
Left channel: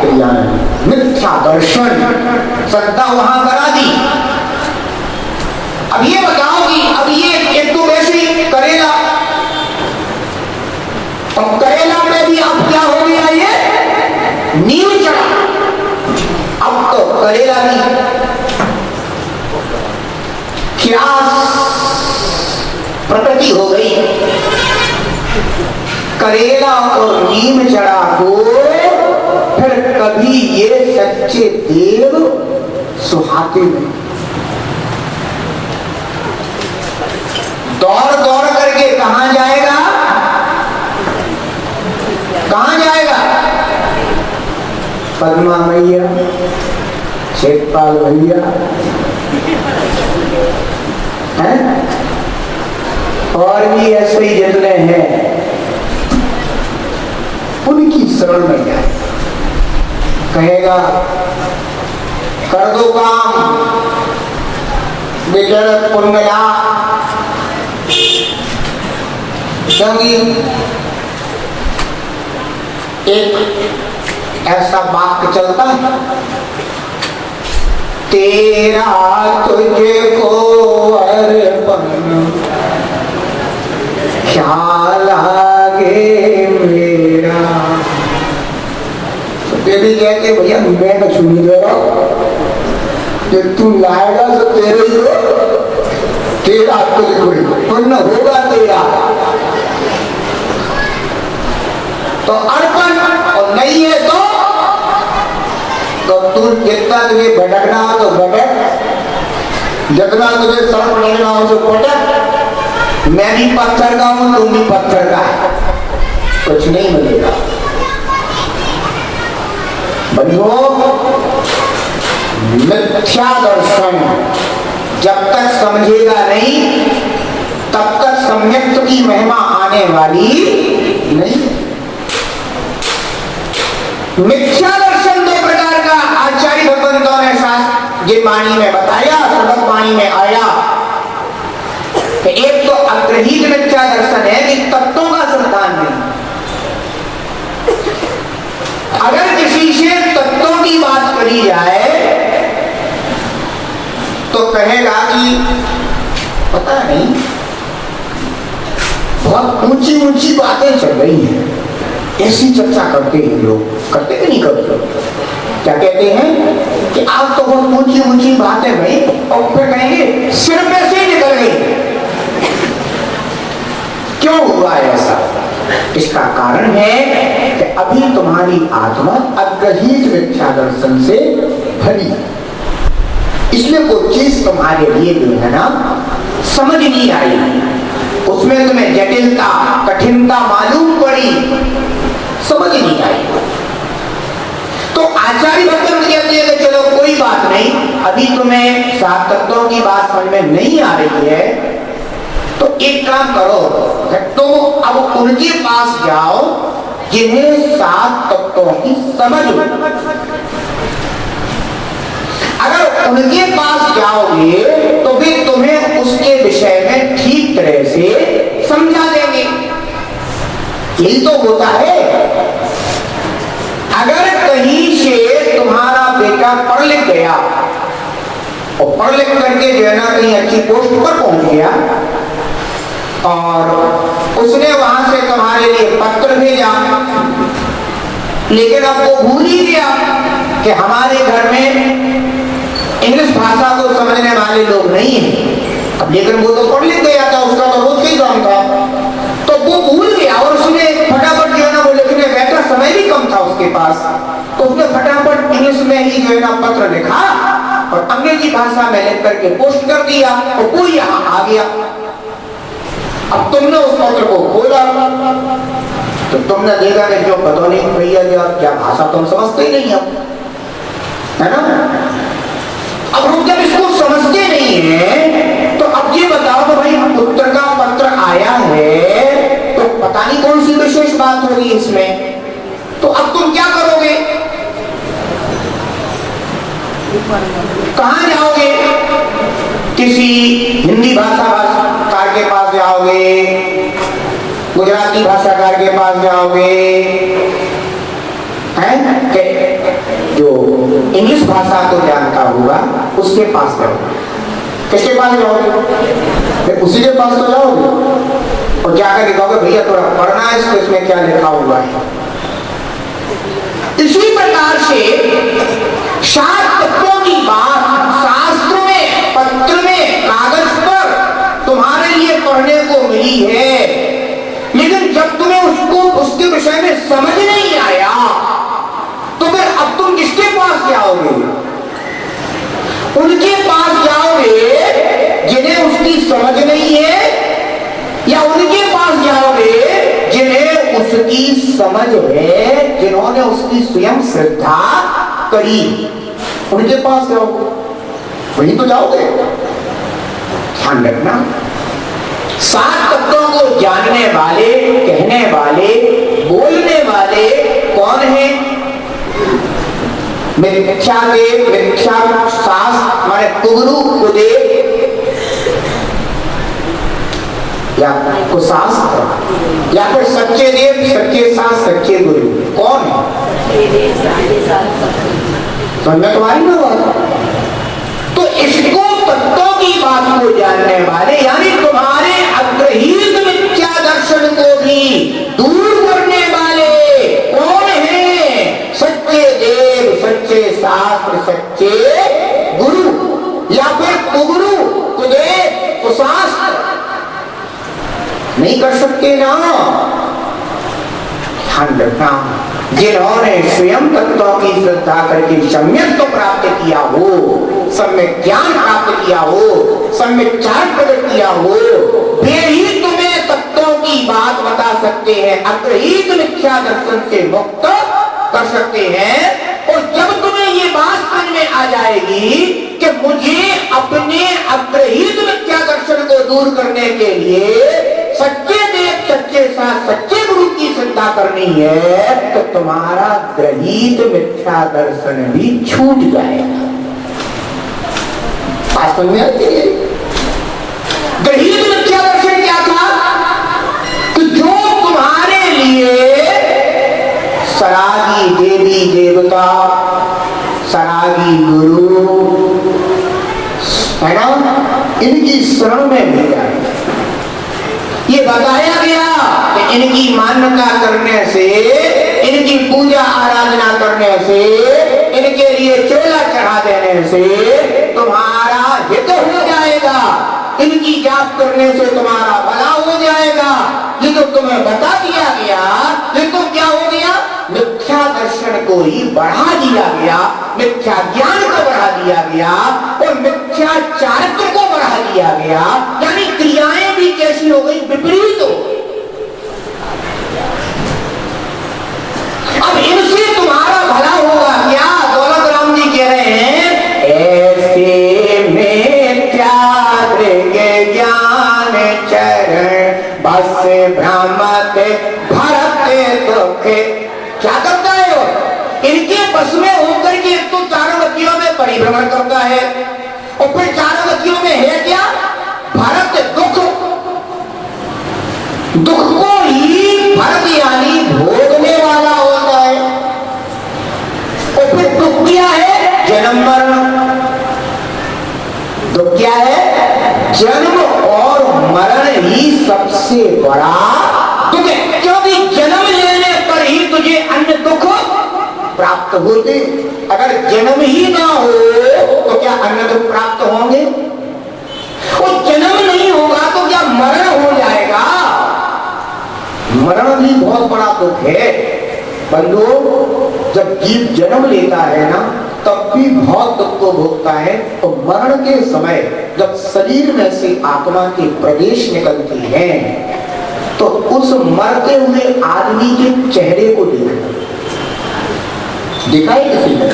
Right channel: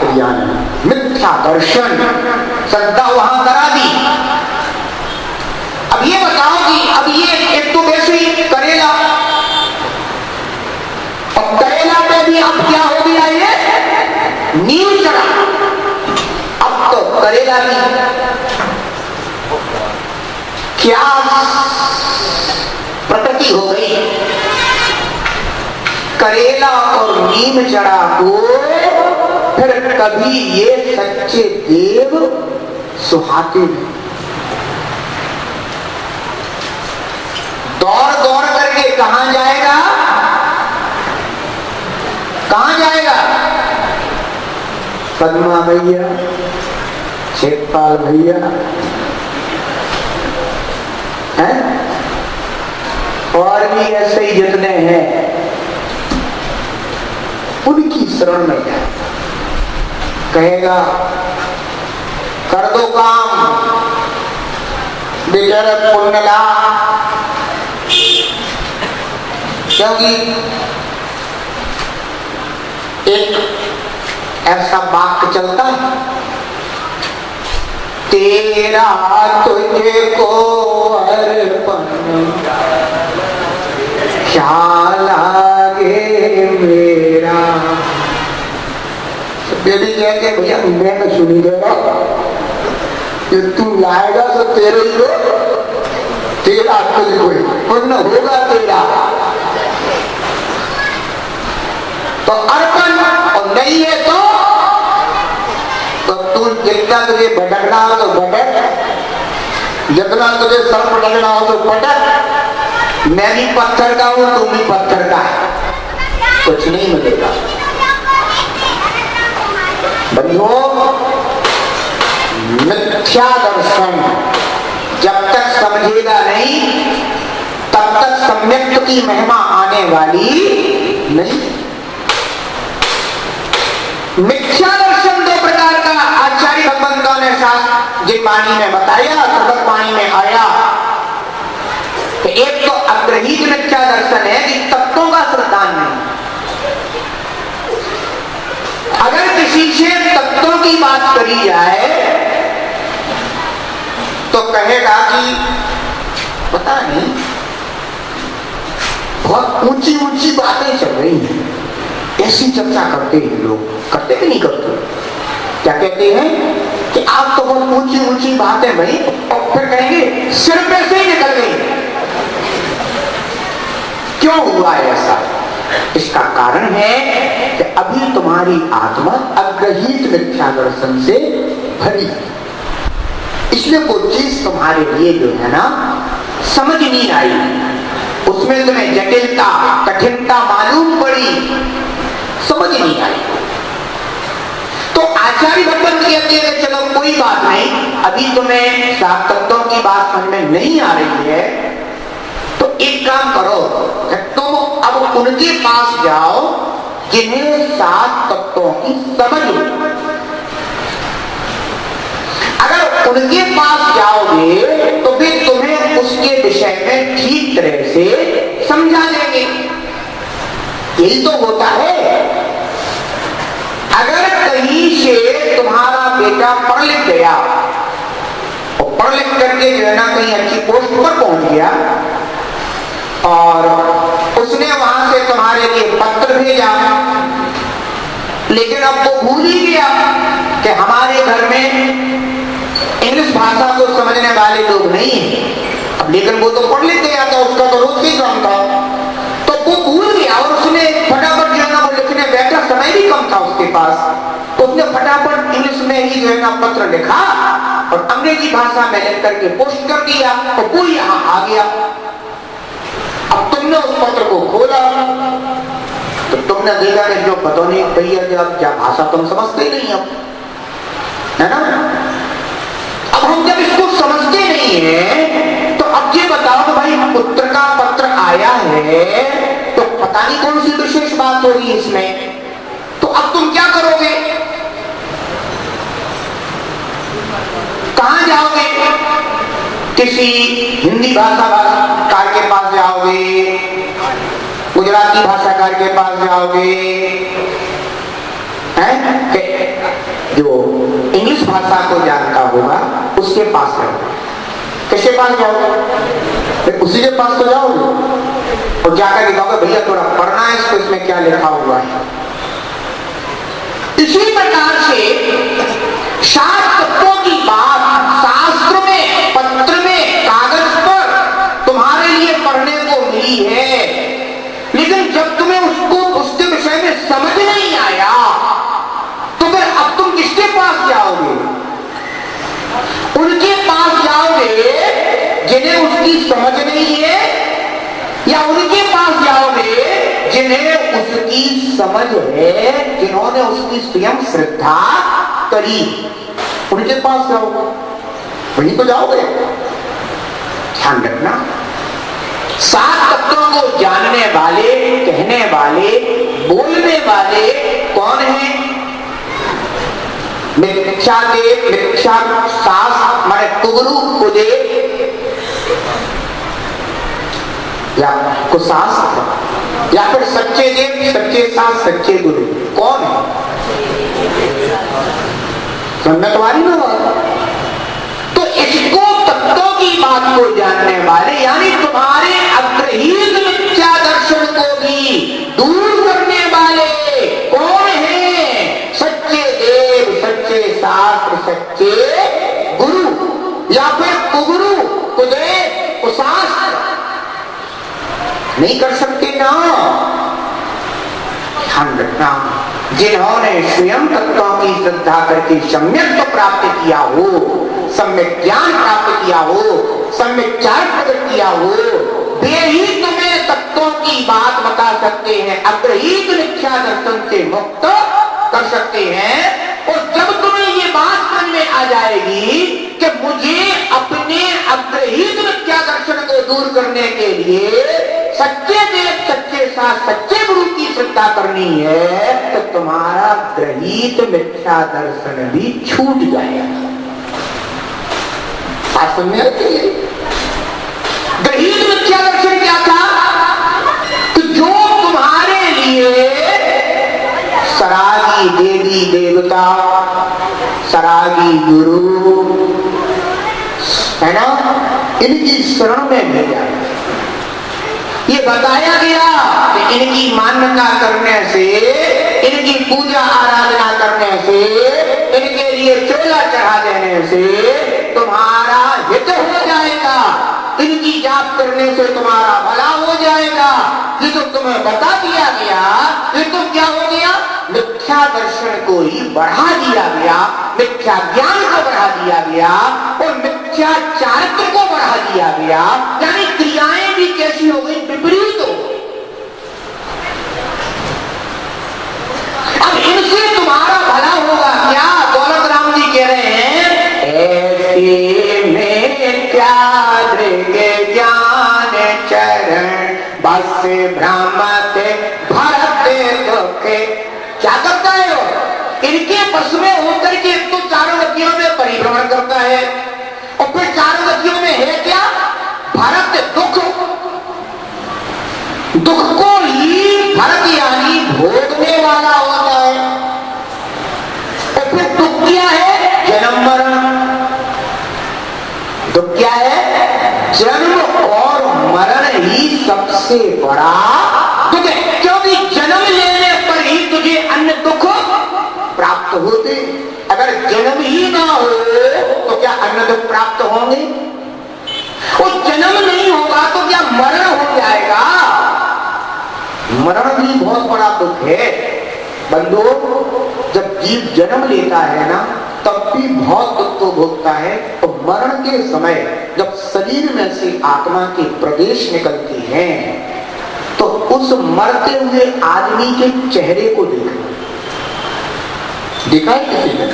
क्रिया नहीं, मिथ्या दर्शन श्रद्धा वहां करा दी। अब ये बताओ कि अब ये एक तो वैसे ही करेला, और करेला में भी अब क्या हो गया, ये नींव चढ़ा। अब तो करेला नहीं, क्या प्रकृति हो गई। करेला और नीम चढ़ा को फिर कभी ये सच्चे देव सुहाते नहीं। दौड़ दौड़ करके कहां जाएगा, कहां जाएगा? पद्मा भैया, शेखपाल भैया हैं, और भी ऐसे ही जितने हैं, उनकी शरण में जाए। कहेगा कर दो काम, बेचारा पुण्य ला, क्योंकि एक ऐसा वाक्य चलता है, तेरा तुझको अर्पण क्या लागे मेरा। बेबी कह के भैया मैं तो सुनी दे रहा जो तू लाएगा तो तेरे ही हो, तेरा तुझको पुण्य होगा तेरा। तो अर्पण और नहीं है तो तू जितना तुझे भटकना हो तो भटक, जितना तुझे सड़क लगना हो तो पटक। मैं भी पत्थर का हूं, तू भी पत्थर का है, कुछ नहीं मिलेगा। बंधुओं, मिथ्या दर्शन जब तक समझेगा नहीं तब तक सम्यक की महिमा आने वाली नहीं। मिथ्या दर्शन दो प्रकार का आचार्य भगवंतों ने शास्त्र जिन वाणी में बताया, सबक वाणी में आया। तो एक तो अग्रहीत मिथ्या दर्शन है कि तत्वों का संतान नहीं। अगर किसी से तत्वों की बात करी जाए तो कहेगा कि पता नहीं बहुत ऊंची ऊंची बातें चल रही हैं, ऐसी चर्चा करते हैं लोग, करते कि नहीं करते? क्या कहते हैं कि आप तो बहुत ऊंची ऊंची बातें भाई, और फिर कहेंगे सिर पे से ही निकल गई। क्यों हुआ है ऐसा? इसका कारण है कि अभी तुम्हारी आत्मा अग्रहीत मिथ्या दर्शन से भरी, इसलिए कोई चीज तुम्हारे लिए जो है ना समझ नहीं आई, उसमें तुम्हें जटिलता कठिनता मालूम पड़ी, समझ नहीं आई। तो आचार्य भगवंत कहते हैं कि चलो कोई बात नहीं, अभी तुम्हें सात तत्वों की बात समझ में नहीं आ रही है, तो एक काम करो, तुम अब उनके पास जाओ जिन्हें सात तत्वों की समझ। अगर उनके पास जाओगे तो फिर तुम्हें उसके विषय में ठीक तरह से समझा देंगे। यही तो होता है। अगर कहीं से तुम्हारा बेटा पढ़ लिख गया और पढ़ लिख करके जो है ना कहीं अच्छी पोस्ट पर पहुंच गया और उसने वहां से तुम्हारे लिए पत्र भेजा, लेकिन अब वो भूल ही गया कि हमारे घर में इंग्लिश भाषा को समझने वाले लोग नहीं हैं। अब लेकिन वो तो पढ़ लिख गया था, उसका तो रोज ही काम था, तो वो भूल गया और उसने फटाफट जो है ना वो लिखने बैठा, समय भी कम था उसके पास, तो उसने फटाफट इंग्लिश में ही जो है ना पत्र लिखा और अंग्रेजी भाषा में लिख करके पोस्ट कर दिया और वो यहाँ आ गया। अब तुमने उस पत्र को खोला तो तुमने देखा कि जो पता नहीं भैया क्या भाषा तुम समझते ही नहीं, अब है ना। अब हम जब इसको समझते नहीं है तो अब ये बताओ तो भाई हम उत्तर का पत्र आया है तो पता नहीं कौन सी विशेष बात होगी इसमें, तो अब तुम क्या करोगे? कहां जाओगे? किसी हिंदी भाषाकार के पास जाओगे, गुजराती भाषाकार के पास जाओगे, हैं कि जो इंग्लिश भाषा को जानता होगा उसके पास जाओगे। किसके पास जाओगे? उसी के पास तो जाओगे और जाकर दिखाओगे भैया थोड़ा पढ़ना है इसको, इसमें क्या लिखा हुआ है। इसी प्रकार से सात तत्वों की बात शास्त्र में, पत्र में, कागज पर तुम्हारे लिए पढ़ने को मिली है, लेकिन जब तुम्हें उसको उसके विषय में समझ नहीं आया तो फिर अब तुम किसके पास जाओगे? उनके पास जाओगे जिन्हें उसकी समझ नहीं है, या उनके पास जाओगे जिन्हें उसकी समझ है, जिन्होंने उसकी स्वयं श्रद्धा करी, उनके पास जाओगे, वहीं तो जाओगे। ध्यान रखना, सात तत्वों को जानने वाले, कहने वाले, बोलने वाले कौन है? मिथ्या देव, मिथ्या शास्त्र माने कुगुरु कुदेव या कुशास्त्र, या फिर सच्चे देव, सच्चे शास्त्र, सच्चे गुरु। कौन है? समझ तुम्हारी ना बात? तो इसको तत्वों की बात को जानने वाले यानी तुम्हारे अग्रहीत मिथ्या दर्शन को भी दूर करने वाले कौन है? सच्चे देव, सच्चे शास्त्र, सच्चे गुरु या फिर कुगुरु, कुदेव, कुशास्त्र। नहीं कर सकते ना। ध्यान रखना, जिन्होंने स्वयं तत्वों की श्रद्धा करके सम्यक तो प्राप्त किया हो, सम्यक ज्ञान प्राप्त किया हो, सम्यक चार प्रकट किया हो, वे ही तुम्हें तत्वों की बात बता सकते हैं, अग्रहीत मिथ्या दर्शन से मुक्त कर सकते हैं। और जब तुम्हें ये बात समझ में आ जाएगी कि मुझे अपने अग्रहीत मिथ्या दर्शन को दूर करने के लिए सच्चे देव, सच्चे शास्त्र, सच्चे गुरु की श्रद्धा करनी है, तो तुम्हारा ग्रहीत मिथ्या दर्शन भी छूट जाएगा। बात समझ में आती है? ग्रहीत मिथ्या दर्शन क्या था? तो जो तुम्हारे लिए सरागी देवी देवता, सरागी गुरु है ना, इनकी शरण में मिल जाए। ये बताया गया कि इनकी मान्यता करने से, इनकी पूजा आराधना करने से, इनके लिए चोला चढ़ा देने से तुम्हारा हित हो जाएगा, इनकी जाप करने से तुम्हारा भला हो जाएगा। ये तो तुम्हें बता दिया गया, ये तो क्या हो गया? मिथ्या दर्शन को ही बढ़ा दिया गया, मिथ्या ज्ञान को बढ़ा दिया गया और मिथ्याचारित्व को बढ़ा दिया गया। यानी क्रियाएं भी कैसी हो गई? विपरीत हो। अब इनसे तुम्हारा भला होगा क्या? दौलत राम जी कह रहे हैं, ऐसे मिथ्या ज्ञान चरण बस भ्रमत भरत दुखे। क्या करता है वो? इनके बस में होकर के तो चारों गतियों में परिभ्रमण करता है और फिर चारों गतियों में है क्या? भरत दुख। दुख को ही भरत यानी भोगने वाला होता है। और फिर दुख क्या है? जन्म मरण। दुख क्या है? जन्म और मरण ही सबसे बड़ा दुख है, क्योंकि जन्म लेने पर ही तुझे अन्य दुख प्राप्त होते। अगर जन्म ही ना हो तो क्या अन्य दुख प्राप्त होंगे? और जन्म नहीं होगा तो क्या मरण हो जाएगा? मरण भी बहुत बड़ा दुख है बंधुओं। जब जीव जन्म लेता है ना, तब भी बहुत दुख को भोगता है। तो मरण के समय जब शरीर में से आत्मा के प्रवेश निकलती है, तो उस मरते हुए आदमी के चेहरे को देखा है किसी ने?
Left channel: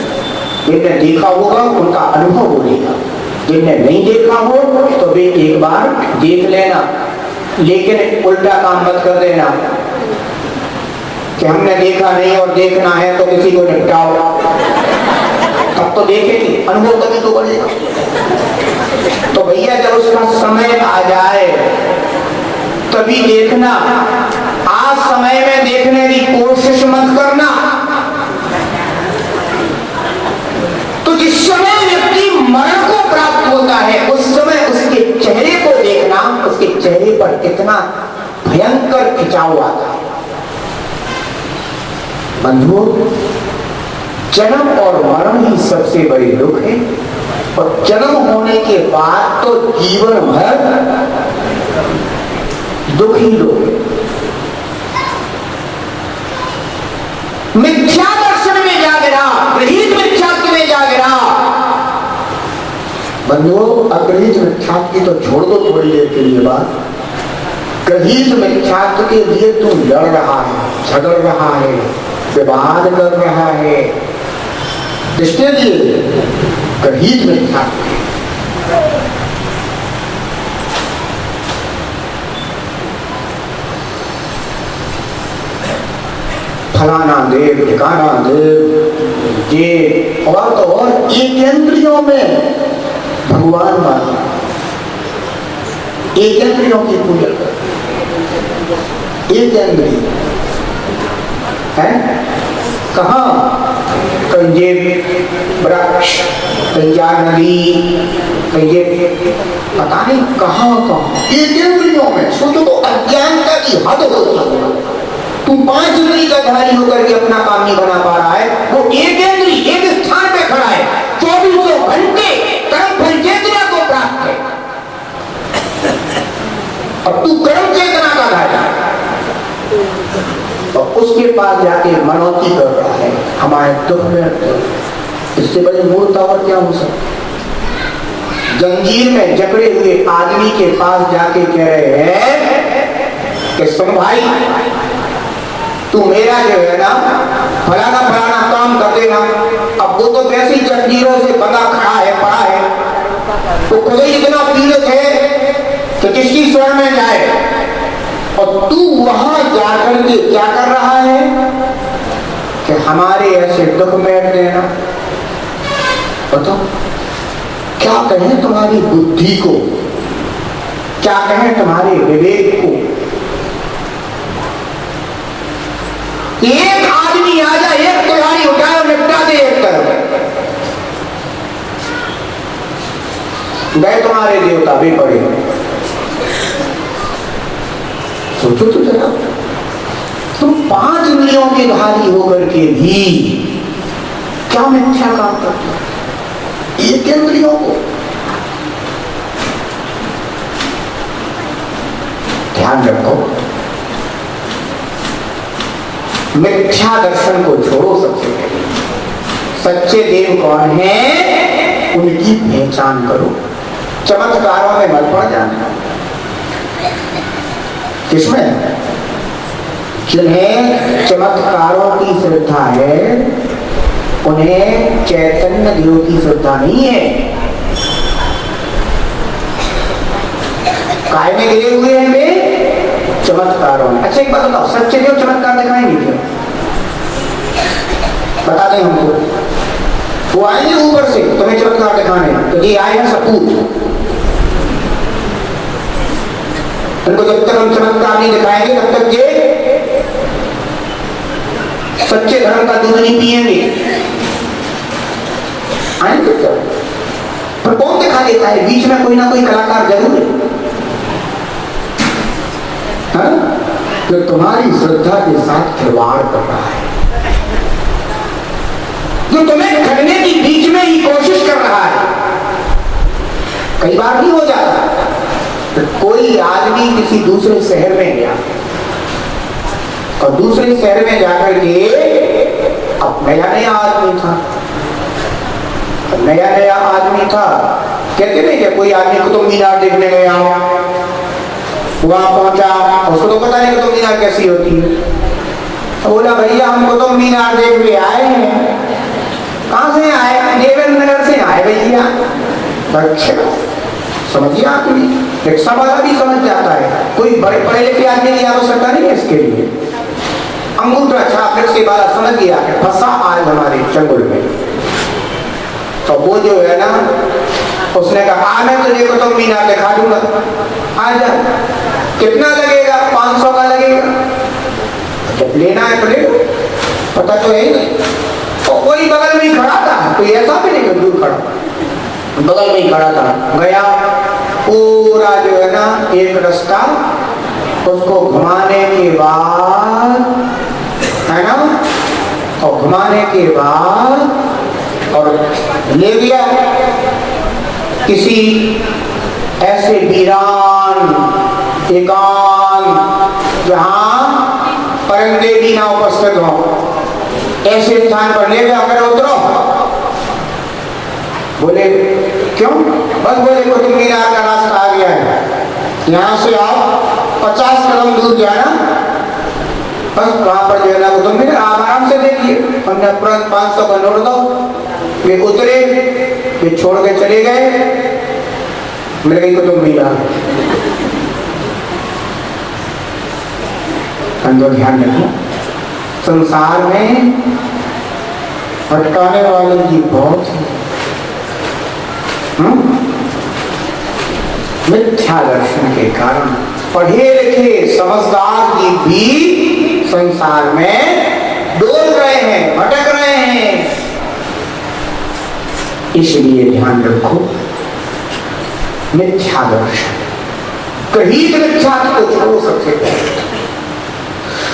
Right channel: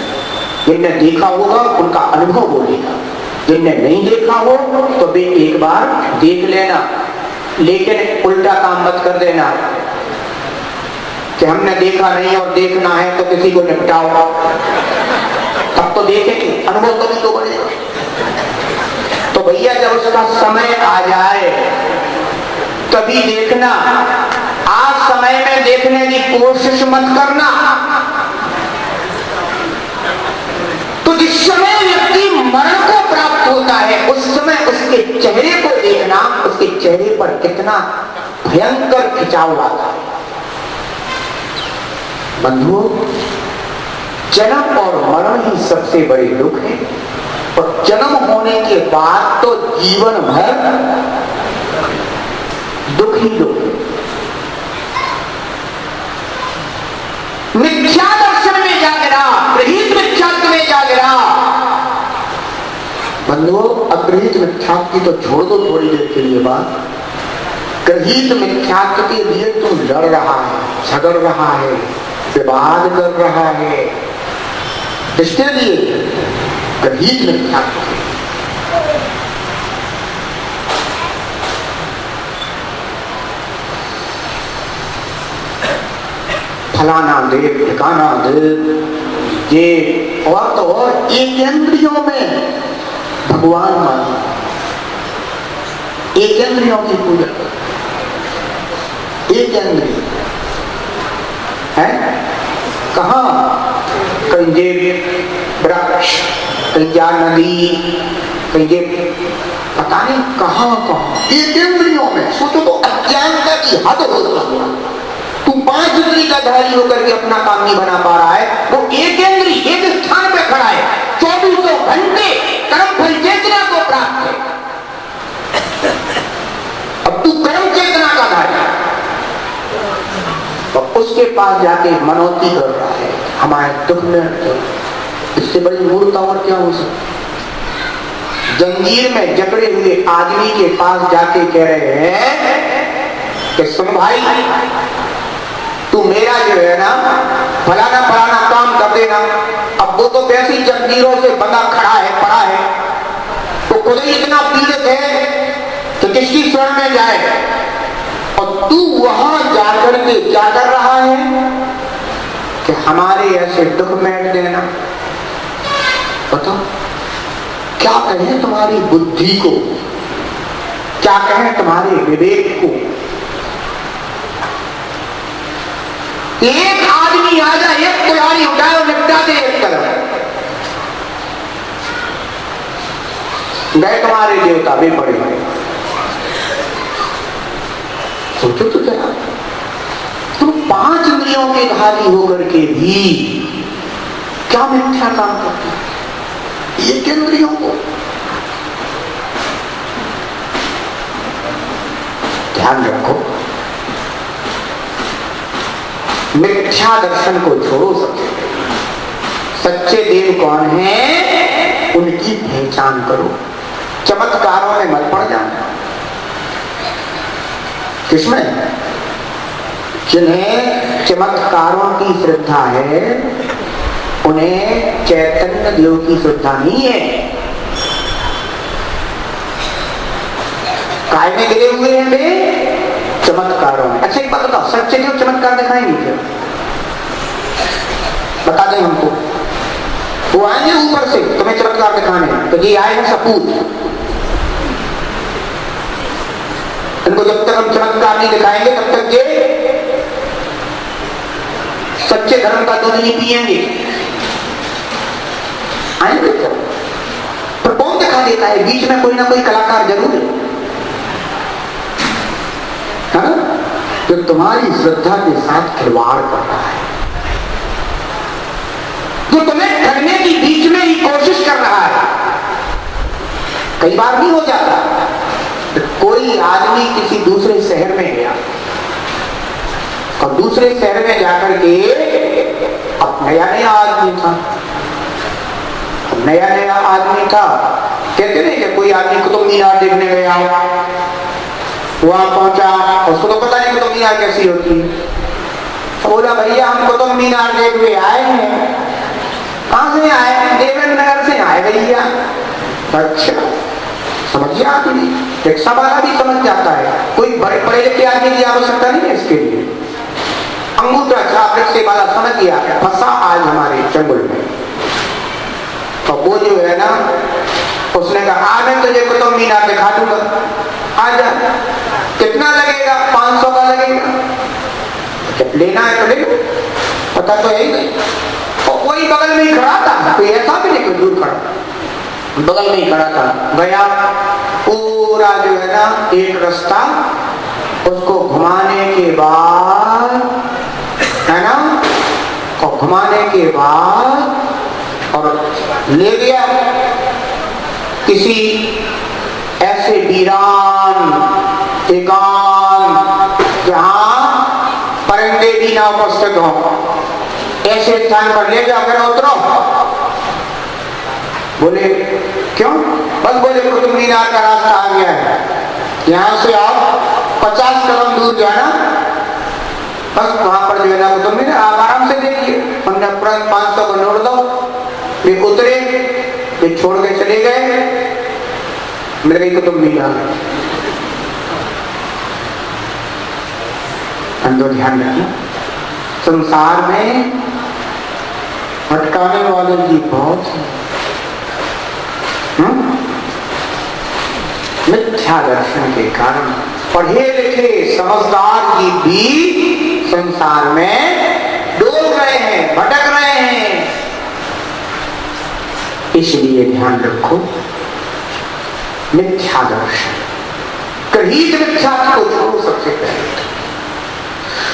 जिनने देखा होगा उनका अनुभव बोलेगा, जिनने नहीं देखा हो तो वे एक बार देख लेना, लेकिन उल्टा काम मत कर देना कि हमने देखा नहीं और देखना है तो किसी को निपटाओ। तब तो देखेंगे, अनुभव कभी तो बढ़ेगा। तो भैया जब उसका समय आ जाए तभी देखना। आज समय में देखने की कोशिश मत करना। तो जिस समय व्यक्ति मरण को प्राप्त होता है उस समय उसके चेहरे को देखना, उसके चेहरे पर कितना भयंकर खिंचाव आता है। बंधुओं, जन्म और मरण ही सबसे बड़ी दुख है। और जन्म होने के बाद तो जीवन भर दुख ही दुख। मिथ्या दर्शन में जा गिरा, ग्रहीत मिथ्यात्व में जा गिरा। बंधुओं, अग्रहीत मिथ्यात्व की तो छोड़ दो थोड़ी देर के लिए बात। ग्रहीत मिथ्यात्व के लिए तू लड़ रहा है, झगड़ रहा है, विवाद कर रहा है, इसके लिए ग्रहीत मिथ्यात्व। फलाना देव, ठिकाना देव, ये और तो और एक इंद्रियों में भगवान मानो, एक इंद्रियों की पूजा कर, एक इंद्रिय है कहाँ, कहीं ये वृक्ष, कहीं या नदी, कहीं ये पता नहीं कहाँ कहाँ, ये इंद्रियों में। सोचो तो अज्ञानता की हद होती है। तू 5 इंद्री का धारी होकर के अपना काम नहीं बना पा रहा है, वो एक इंद्री एक स्थान पे खड़ा है, 24 घंटे कर्म फल चेतना को प्राप्त है। अब तू कर्म चेतना का धारी, तो उसके पास जाके मनौती कर रहा है हमारे दुख में। इससे बड़ी मूर्खता और क्या हो सकती। जंजीर में जकड़े हुए आदमी के पास जाके कह रहे हैं कि सुन भाई, तू मेरा जो है ना फलाना फलाना काम कर देना। अब वो तो वैसे ही जंजीरों से बंधा खड़ा है, पड़ा है, तो खुद ही इतना पीड़ित है कि किसकी शरण में जाए। और तू वहां जाकर के क्या कर रहा है कि हमारे ऐसे दुख में देना। बताओ क्या कहें तुम्हारी बुद्धि को, क्या कहें तुम्हारे विवेक को। एक आदमी आ जाए, एक कुल्हाड़ी उठाए और निपटा दे एक तरफ, गए तुम्हारे देवता भी पड़े। सोचो तो जरा, तुम 5 इंद्रियों के धारी होकर के भी क्या मिथ्या काम करते हो। एक इंद्रियों को ध्यान रखो, मिथ्या दर्शन को छोड़ो। सबसे सच्चे देव कौन है, उनकी पहचान करो। चमत्कारों में मत पड़ जाना। किसमें? जिन्हें चमत्कारों की श्रद्धा है, उन्हें चैतन्य देव की श्रद्धा नहीं है। काय में गिरे हुए हैं वे? चमत्कारों में। अच्छा एक बात बताओ, सच्चे देव चमत्कार दिखाएंगे क्या? बता दें हमको। वो आएंगे ऊपर से तुम्हें चमत्कार दिखाने, तो ये आए हैं सपूत। उनको जब तक हम चमत्कार नहीं दिखाएंगे तब तक ये सच्चे धर्म का दूध नहीं पिएंगे। आएंगे क्या? पर कौन दिखा देता है? बीच में कोई ना कोई कलाकार जरूर है, जो तुम्हारी श्रद्धा के साथ खिलवाड़ कर रहा है, जो तुम्हें ठगने की बीच में ही कोशिश कर रहा है। कई बार नहीं हो जाता, तो कोई आदमी किसी दूसरे शहर में गया और दूसरे शहर में जाकर के अब नया नया आदमी था, कहते नहीं कि कोई आदमी कुतुब मीनार देखने गया, वहां पहुंचा, उसको तो पता नहीं कुतुब मीनार कैसी होती है। बोला भैया हम कुतुब मीनार देखने आए हैं। कहां से आए? देवेंद्र नगर से आए भैया। अच्छा समझिए, आदमी रिक्शा वाला भी समझ जाता है, कोई बड़े पढ़े लिखे आदमी की आवश्यकता नहीं है इसके लिए। अंगूठा छाप रिक्शे वाला समझ गया कि फंसा आज हमारे चंगुल में। तो वो जो है ना, उसने कहा मैं तुझे कुतुब मीनार दिखा दूंगा, आजा। कितना लगेगा? 500 का लगेगा। जब लेना है तो ले, पता तो है ही नहीं। तो कोई बगल में ही खड़ा था, कोई ऐसा भी नहीं कोई दूर खड़ा, बगल में ही खड़ा था। गया, पूरा जो है ना एक रास्ता, उसको घुमाने के बाद है ना, और घुमाने के बाद और ले गया किसी ऐसे वीरान एकांत जहां परिंदे भी ना उपस्थित हो, ऐसे स्थान पर ले जाकर उतरो। बोले क्यों? बस बोले कुतुब मीनार का रास्ता आ गया है, यहाँ से आओ, 50 कदम दूर जाना, बस वहां पर जो है ना कुतुब मीनार आप आराम से देखिए। हमने तुरंत 500 का नोट दो। वे उतरे, वे छोड़ के चले गए, मिल गई कुतुब मीनार। अंदर ध्यान रखिए, संसार में भटकाने वाले जी बहुत हैं। मिथ्या दर्शन के कारण पढ़े लिखे समझदार जी भी संसार में डोल रहे रहे हैं, भटक रहे हैं। इसलिए ध्यान रखो, मिथ्या दर्शन, गृहीत मिथ्या को छोड़ो। सबसे पहले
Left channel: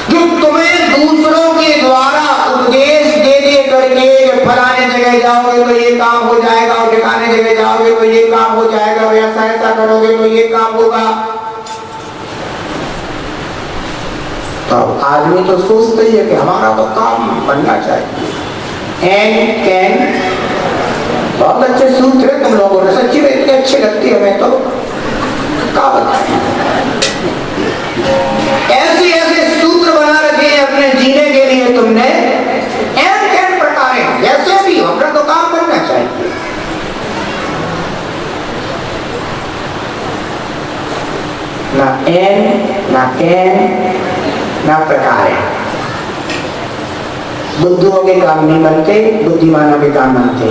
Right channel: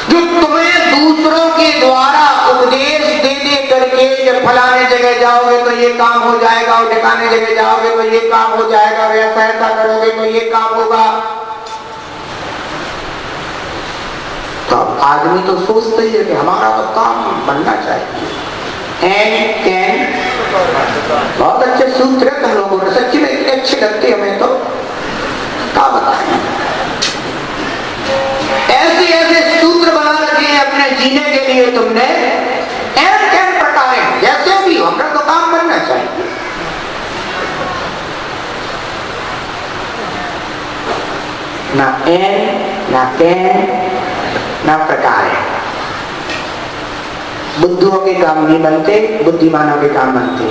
जो तुम्हें दूसरों के द्वारा उपदेश दे दे करके फलाने जगह जाओगे तो ये काम हो जाएगा, और ठिकाने जगह जाओगे तो ये काम हो जाएगा, ऐसा करोगे तो ये काम होगा, तो आदमी तो सोचता ही है कि हमारा तो काम बनना चाहिए। एंड कैन, बहुत अच्छे सूत्र है तुम लोगों ने, सच्ची में इतनी अच्छी लगती है हमें तो, क्या बताएं। ऐसे ऐसे सूत्र बना रखे हैं अपने जीने के लिए तुमने, एंड कैन प्रकार जैसे भी हमारा तो काम बनना चाहिए। ना एन ना कैन ना प्रकार, बुद्धुओं के काम नहीं बनते, बुद्धिमानों के काम बनते।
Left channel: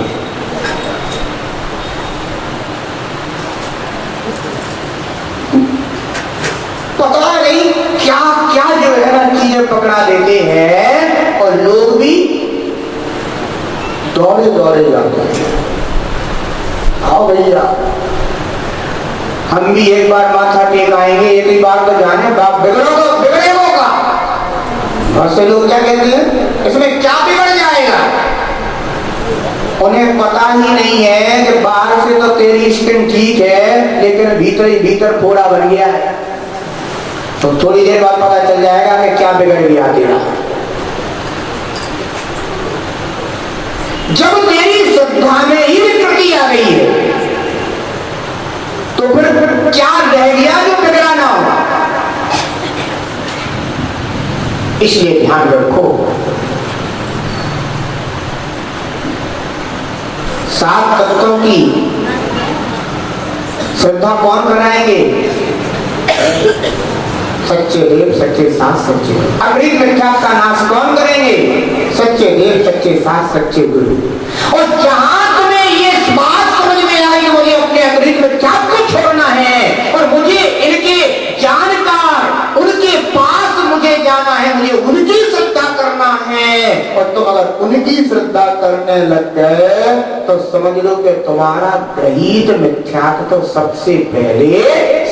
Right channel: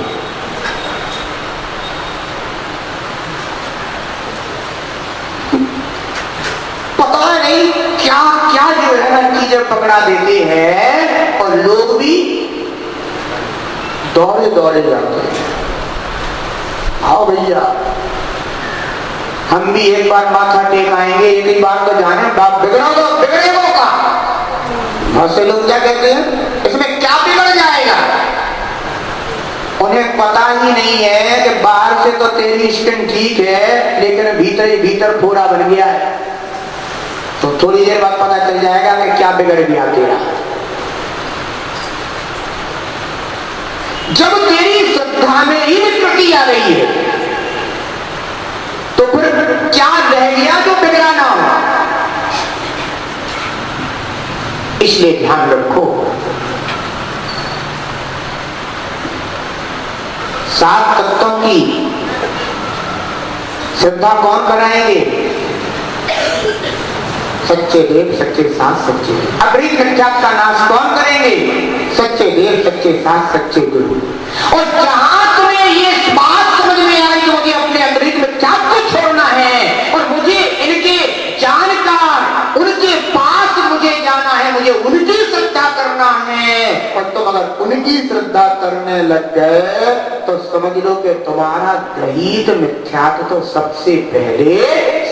पता नहीं क्या क्या जो है ना चीजें पकड़ा देते हैं, और लोग भी दौड़े दौड़े जाते हैं। आओ भैया, हम भी एक बार माथा टेकाएंगे, एक ही बार तो जाने, बाप बिगड़ेगा का। बहुत से लोग क्या कहते हैं, इसमें क्या बिगड़ जाएगा। उन्हें पता ही नहीं है कि बाहर से तो तेरी स्किन ठीक है, लेकिन भीतर ही भीतर फोड़ा बन गया है। तो थोड़ी देर बाद पता चल जाएगा कि क्या बिगड़ गया तेरा। जब तेरी श्रद्धा में ही विकृति आ रही है, तो फिर क्या रह गया जो बिगड़ा ना हो। इसलिए ध्यान रखो, सात तत्वों की श्रद्धा कौन बनाएंगे? सच्चे देव, सच्चे सास, सच्चे गुरु। अगली मिथ्या का नाश कौन करेंगे? सच्चे देव, सच्चे सास, सच्चे गुरु। और जहां तुम्हें ये बात समझ में आई, मुझे अपने अगली मिथ्या को छोड़ना है और मुझे इनके जानकार, उनके पास मुझे जाना है, मुझे उनकी श्रद्धा करना है। और तुम अगर उनकी श्रद्धा करने लग गए तो समझ लो कि तुम्हारा गृहीत मिथ्यात्व तो सबसे पहले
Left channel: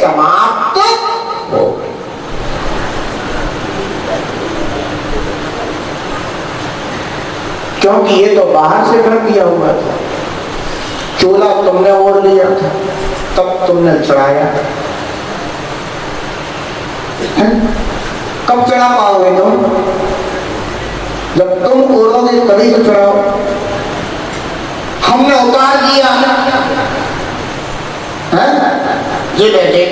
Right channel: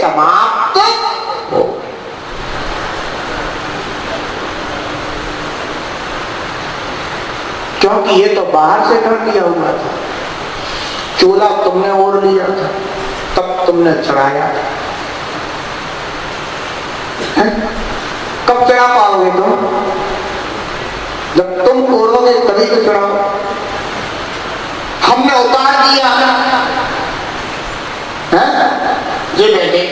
समाप्त हो। क्योंकि ये तो बाहर से कर दिया हुआ था, चोला तुमने ओढ़ लिया था, तब तुमने चढ़ाया। कब चढ़ा पाओगे तुम? जब तुम ओढ़ोगे तभी तो चढ़ाओ। हमने उतार दिया है ये बेटे,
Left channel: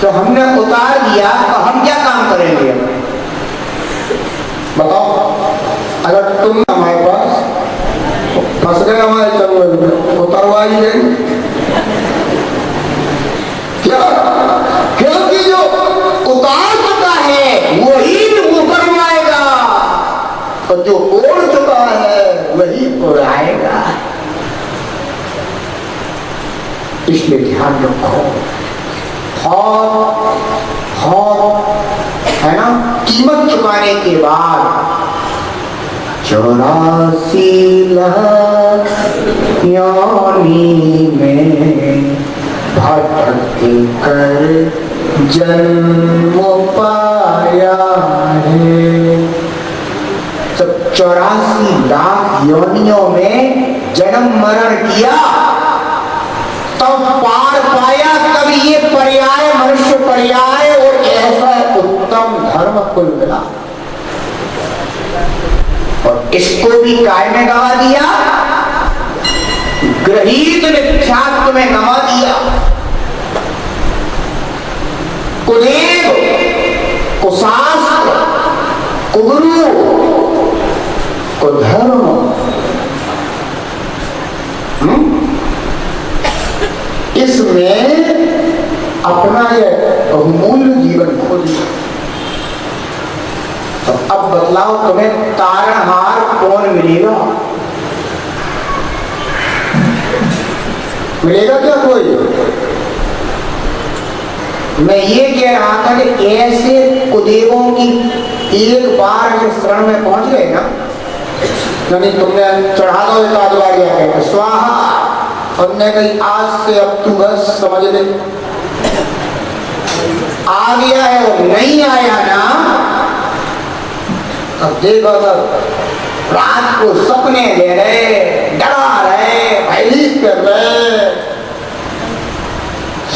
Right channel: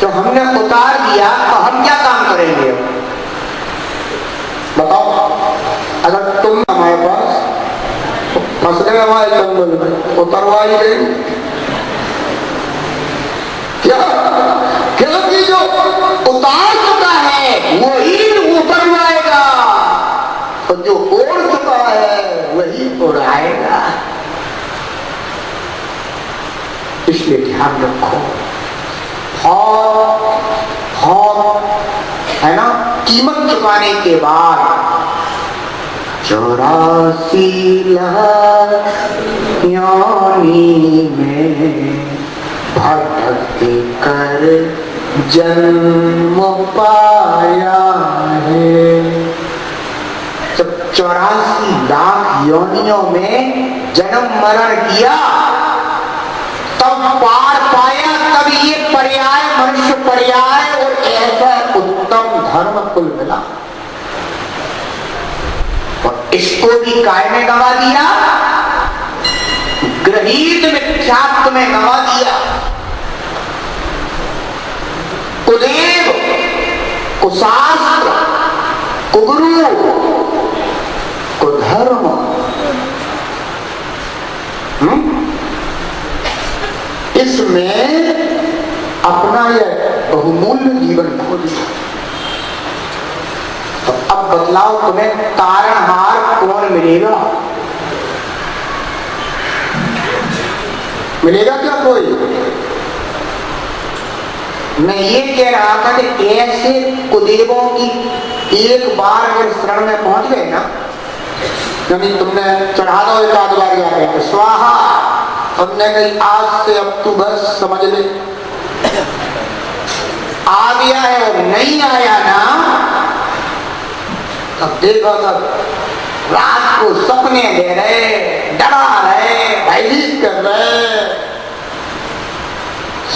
तो हमने उतार दिया तो हम क्या काम करेंगे? बताओ, अगर तुम हमारे पास फंस गए हमारे जंगल में, उतरवा ही देंगे क्या? क्योंकि जो उतार चुका है वही उतरवाएगा, और जो ओढ़ चुका है वही उड़ाएगा। इसलिए ध्यान रखो, है ना, कीमत चुकाने के बाद 84 योनि में भटक कर जन्म पाया है। जब 84 लाख योनियों में जन्म मरण किया तब पार पाया, तब ये पर्याय, मनुष्य पर्याय और ऐसा उत्तम धर्म कुल मिला। और इसको भी काय में गवा दिया, गृहीत मिथ्यात्व में गवा दिया। कुदेव, कुशास्त्र, कुगुरु, कुधर्म, इसमें अपना यह बहुमूल्य जीवन खो दिया। तो अब बतलाओ, तुम्हें तारणहार कौन मिलेगा? मिलेगा क्या कोई? मैं ये कह रहा था कि ऐसे कुदेवों की एक बार जब शरण में पहुंच गए ना, यानी तुमने चढ़ा दो एक आध बार गया तो स्वाहा, हमने कही आज से अब तू बस समझ ले, आ गया है और नहीं आया ना, अब देखो तब रात को सपने दे रहे, डरा रहे, भयभीत कर रहे,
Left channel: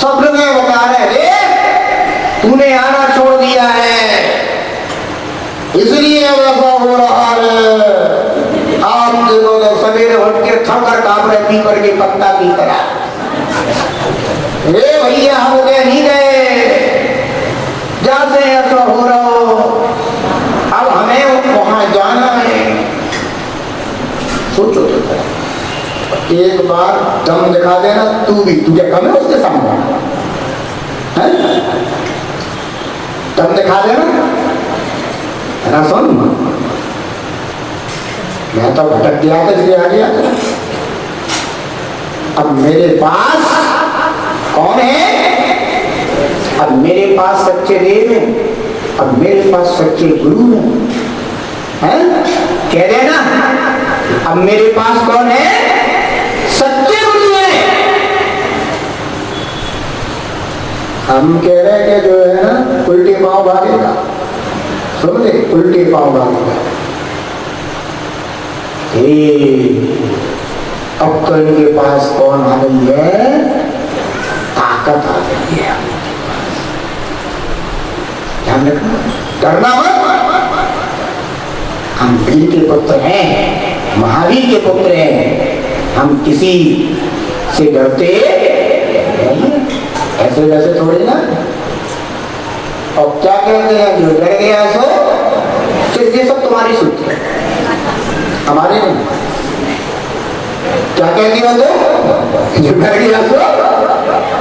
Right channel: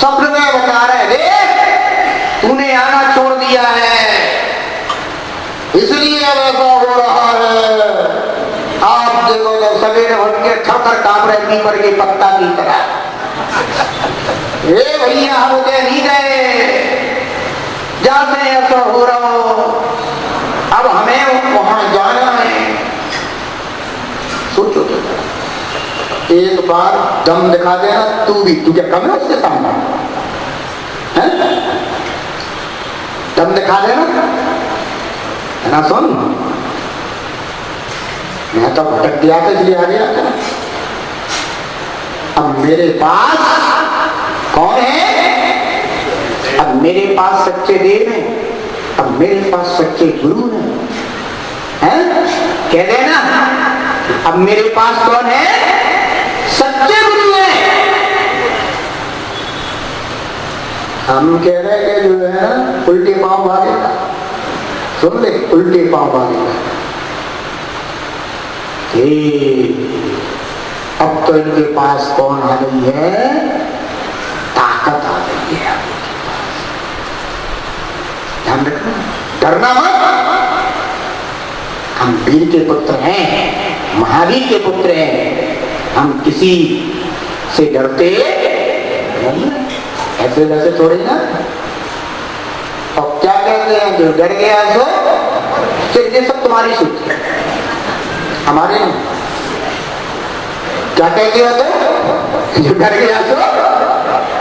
स्वप्न में बता रहे देख तूने आना छोड़ दिया है इसलिए वैसा हो रहा है। आप देखो तो सवेरे उठ के थकर कांप रहे पीपर के पत्ता की तरह, ये भैया हम नहीं गए जाते ऐसा हो रहा हो, अब हमें वहां जाना है। सोचो एक बार दम दिखा देना, तू भी तुझे कम है उसके सामने, दम दिखा देना है ना। सुन मैं तो भटक दिया था इसलिए आ गया था, अब मेरे पास कौन है, अब मेरे पास सच्चे देव हैं, अब मेरे पास सच्चे गुरु हैं, कह रहे ना, अब मेरे पास कौन है, सच्चे गुरु हैं। हम कह रहे कि जो है ना उल्टे पांव भागेगा, सुन ले उल्टे पांव भागेगा। अब तो इनके पास कौन आ गई है, ताकत आ गई है। ध्यान रखना, डरना मत, हम वीर के पुत्र हैं, महावीर के पुत्र हैं, हम किसी से डरते नहीं, ऐसे वैसे थोड़े ना। और क्या कहते हैं, जो डर गया सो ये सब तुम्हारी सोच है, हमारे नहीं। क्या कहते हो तो, जो डर गया सो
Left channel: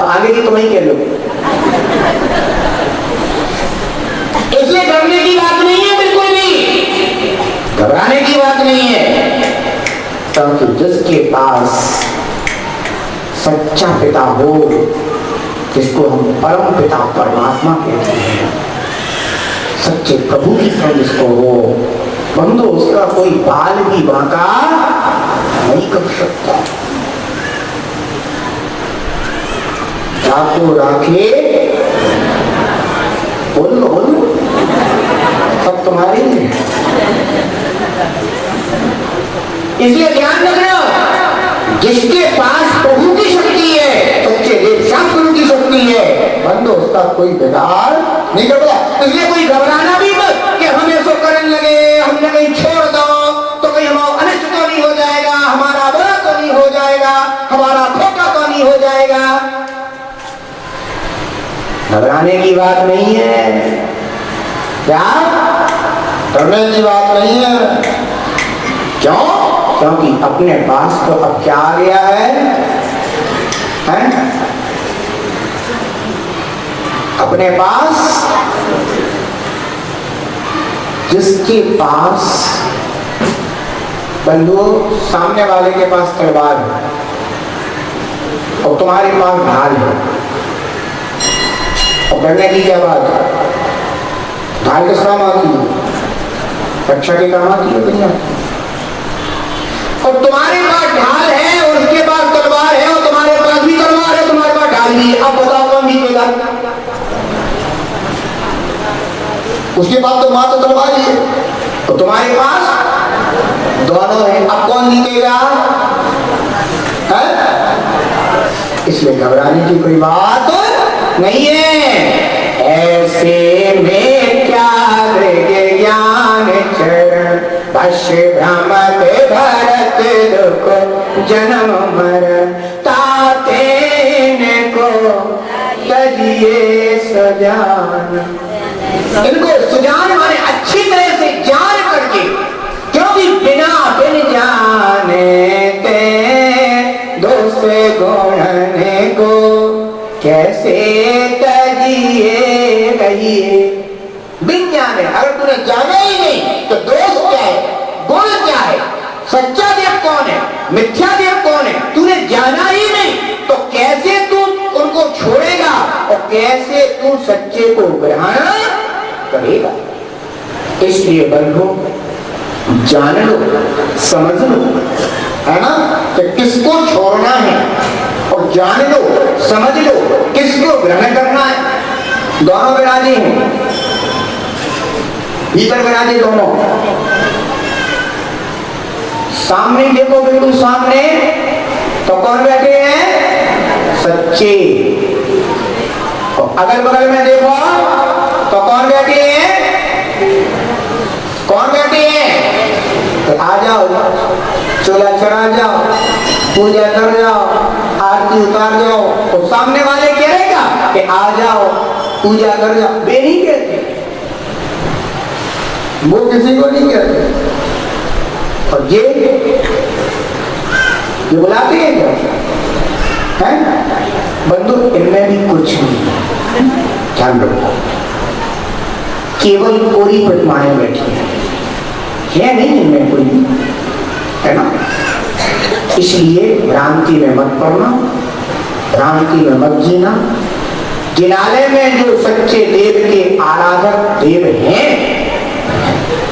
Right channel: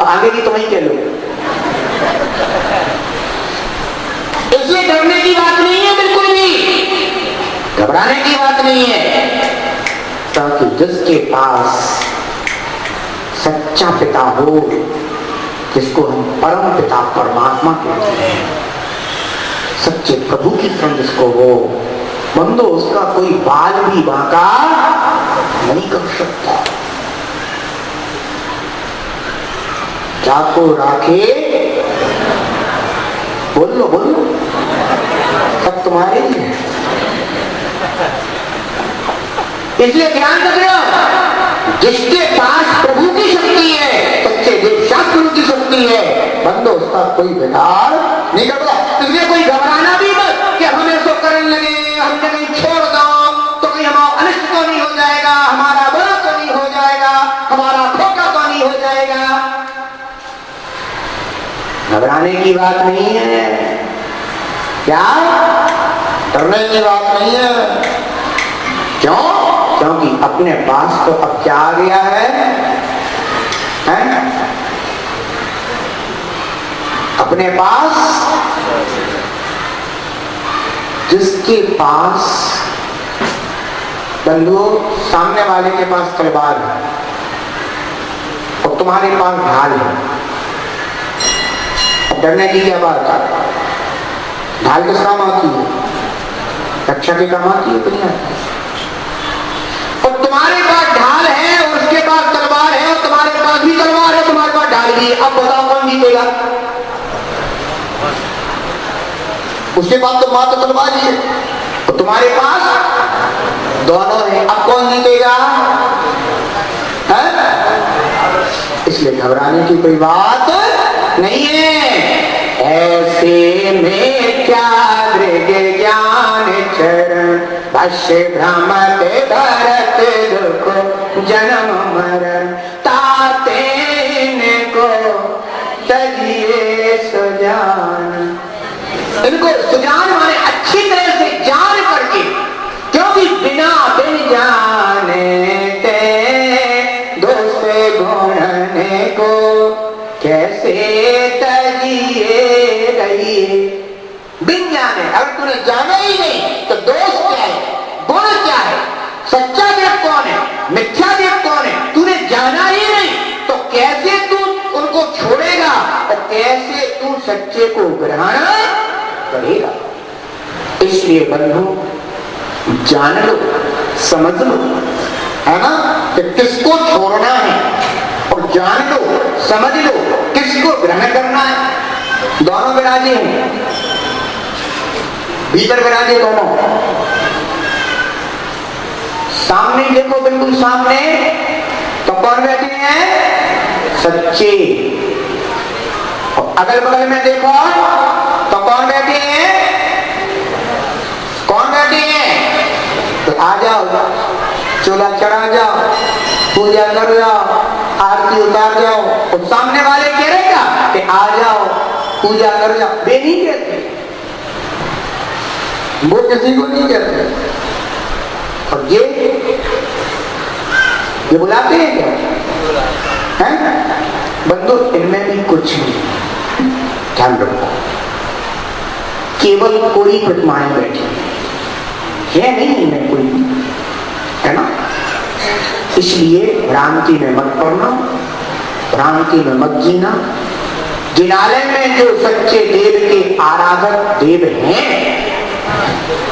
आगे की तुम ही कह लो। इसलिए डरने की बात नहीं है, बिल्कुल भी घबराने की बात नहीं है, क्योंकि जिसके पास सच्चा पिता हो, जिसको हम परम पिता परमात्मा कहते हैं, सच्चे प्रभु की तरह जिसको हो, बंदो उसका कोई बाल भी बांका नहीं कर सकता। जाको राखे, बोलो बोलो, सब तुम्हारे ही है। इसलिए ध्यान रख रहे हो, जिसके पास प्रभु की शक्ति है, सच्चे देव शास्त्र की शक्ति है, बंदो उसका कोई बिगाड़ नहीं करता। इसलिए कोई घबराना भी मत कि हम ऐसा करने लगे, हमने कहीं छोड़ दो तो कहीं हमारा अनिष्ट तो नहीं हो जाएगा, हमारा बुरा तो नहीं हो जाएगा, हमारा धोखा तो नहीं हो जाएगा। घबराने की बात नहीं है, क्या डरने की बात नहीं है। क्यों? क्योंकि अपने पास तो अब क्या आ गया है? अपने पास, जिसके पास बंधु सामने वाले के पास तलवार है और तुम्हारे पास ढाल है, और डरने की क्या बात है? ढाल किस काम आती है? रक्षा के काम आती है दुनिया। और तुम्हारे पास ढाल है और उसके पास तलवार है, और तुम्हारे पास भी तलवार है, तुम्हारे पास ढाल भी है। अब बताओ कौन जीतेगा? उसके पास तो मात्र तलवार ही है और तुम्हारे पास दोनों है, अब कौन जीतेगा? इसलिए घबराने की कोई बात नहीं है। ऐसे में क्या ज्ञान चरण पश्य भ्रमत भरत दुख जन्म मरण ताते को तजिए सुजान। इनको सुजान माने अच्छी तरह से जान करके, क्योंकि बिना बिन जाने ते दूसरे गुणने को कैसे तजिए रहिए। बिन जाने, अगर तूने जाना ही नहीं तो दोष क्या है, गुण क्या है, सच्चा देव कौन है, मिथ्या देव कौन है, तूने जाना ही नहीं तो कैसे तू उनको छोड़ेगा और कैसे तू सच्चे को ग्रहण करेगा। इसलिए बंधु जान लो, समझ लो, है ना, कि किसको छोड़ना है, और जान लो, समझ लो, किसको ग्रहण करना है। दोनों विराजे हैं, भीतर विराजे दोनों। सामने देखो, बिल्कुल सामने तो कौन बैठे हैं? सच्चे। अगल बगल में देखो तो कौन बैठे हैं? कौन बैठे हैं? तो आ जाओ, चूल्हा चढ़ा जाओ, पूजा कर जाओ, आरती उतार जाओ। तो सामने वाले कह रहेगा कि आ जाओ, पूजा कर जाओ। वे नहीं कहते, वो किसी को नहीं कहते। और ये बुलाते हैं क्या? है बंधु, इनमें भी कुछ नहीं। ध्यान रखो, केवल कोई प्रतिमाएं बैठी है नहीं, इनमें कोई, है ना। इसलिए भ्रांति में मत पड़ना, भ्रांति में मत जीना। जिनालय में जो सच्चे देव के आराधक देव हैं,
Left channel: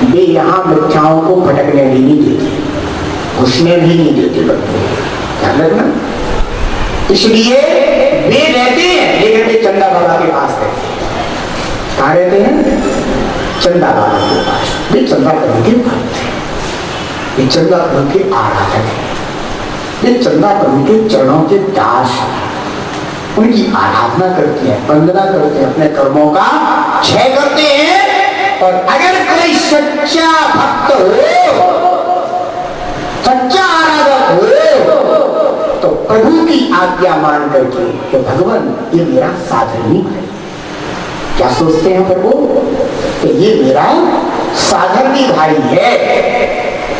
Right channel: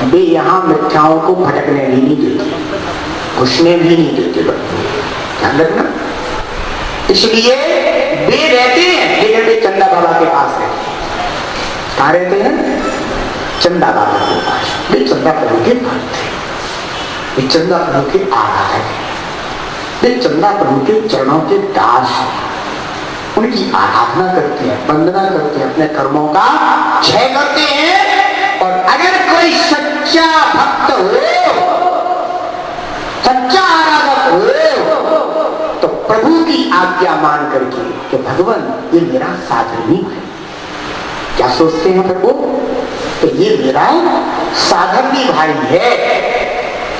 वे यहां मिथ्याओं को भटकने भी नहीं देते, घुसने भी नहीं देते। ध्यान रखना। इसलिए वे रहते हैं, लेकिन वे चंदा बाबा के पास है। कहाँ रहते हैं? चंदा बाबा के पास। वे चंदा प्रभु के भक्त हैं, वे चंदा प्रभु के आराधक हैं, वे चंदा प्रभु के चरणों के दास हैं। उनकी आराधना करते हैं, वंदना करते हैं, अपने कर्मों का क्षय करते हैं। और अगर कोई सच्चा भक्त हो, सच्चा आराधक हो, तो प्रभु की आज्ञा मान करके कि भगवान ये मेरा साधनी है। क्या सोचते हैं प्रभु? तो ये मेरा साधनी भाई है,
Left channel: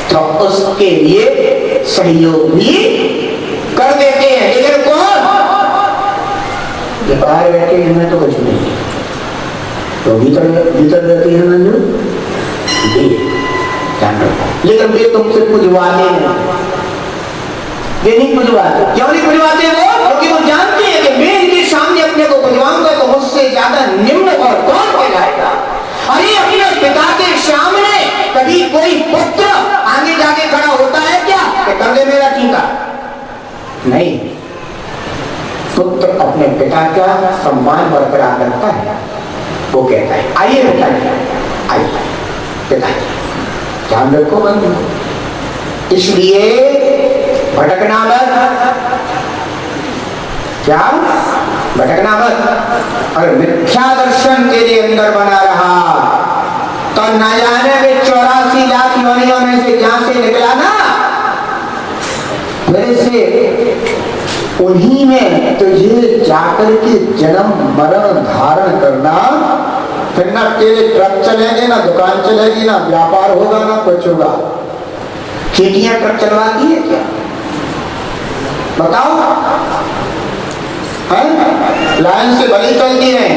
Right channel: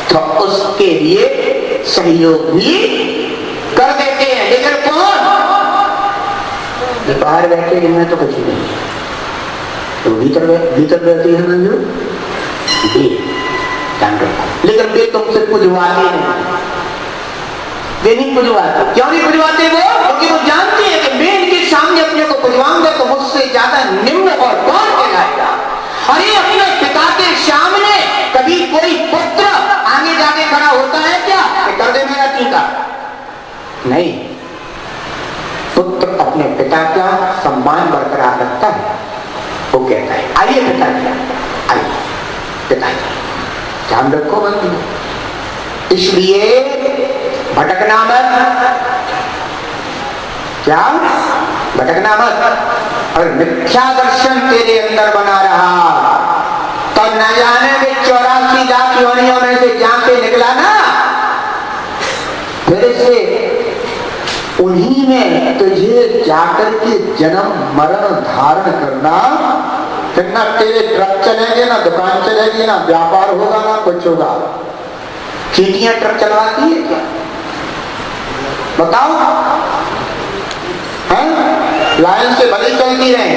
तो उसके लिए सहयोग भी कर देते हैं। लेकिन कौन? बाहर बैठे इनमें तो कुछ नहीं, तो भीतर रहते हैं ना जो लेकिन वे तुमसे पुजवाते नहीं, वे नहीं पुजवाते। क्यों नहीं पुजवाते वो? क्योंकि वो जानते हैं कि मैं इनके सामने अपने को पुजवाऊंगा तो मुझसे ज्यादा निम्न और कौन हो जाएगा। अरे अपने पिता के सामने कभी कोई पुत्र आगे जाके खड़ा होता है क्या कि कर दे मेरा टीका? नहीं, पुत्र अपने पिता का सम्मान बरकरार रखता है। वो कहता है आइए पिताजी, आइए पिताजी। ध्यान रखो बंधु, इसलिए भटकना मत। क्या भटकना मत। और मिथ्या दर्शन तेरे अंदर बना रहा तो न जाने के 84 लाख योनियों में से जहां से निकला ना, फिर से उन्हीं में तुझे जाकर के जन्म मरण धारण करना। फिर ना तेरे ट्रक चलेंगे, ना दुकान चलेगी, ना व्यापार होगा, ना कुछ होगा। चीटियां ट्रक चलवाती है क्या? बताओ, है? लाइन से भली चलती है,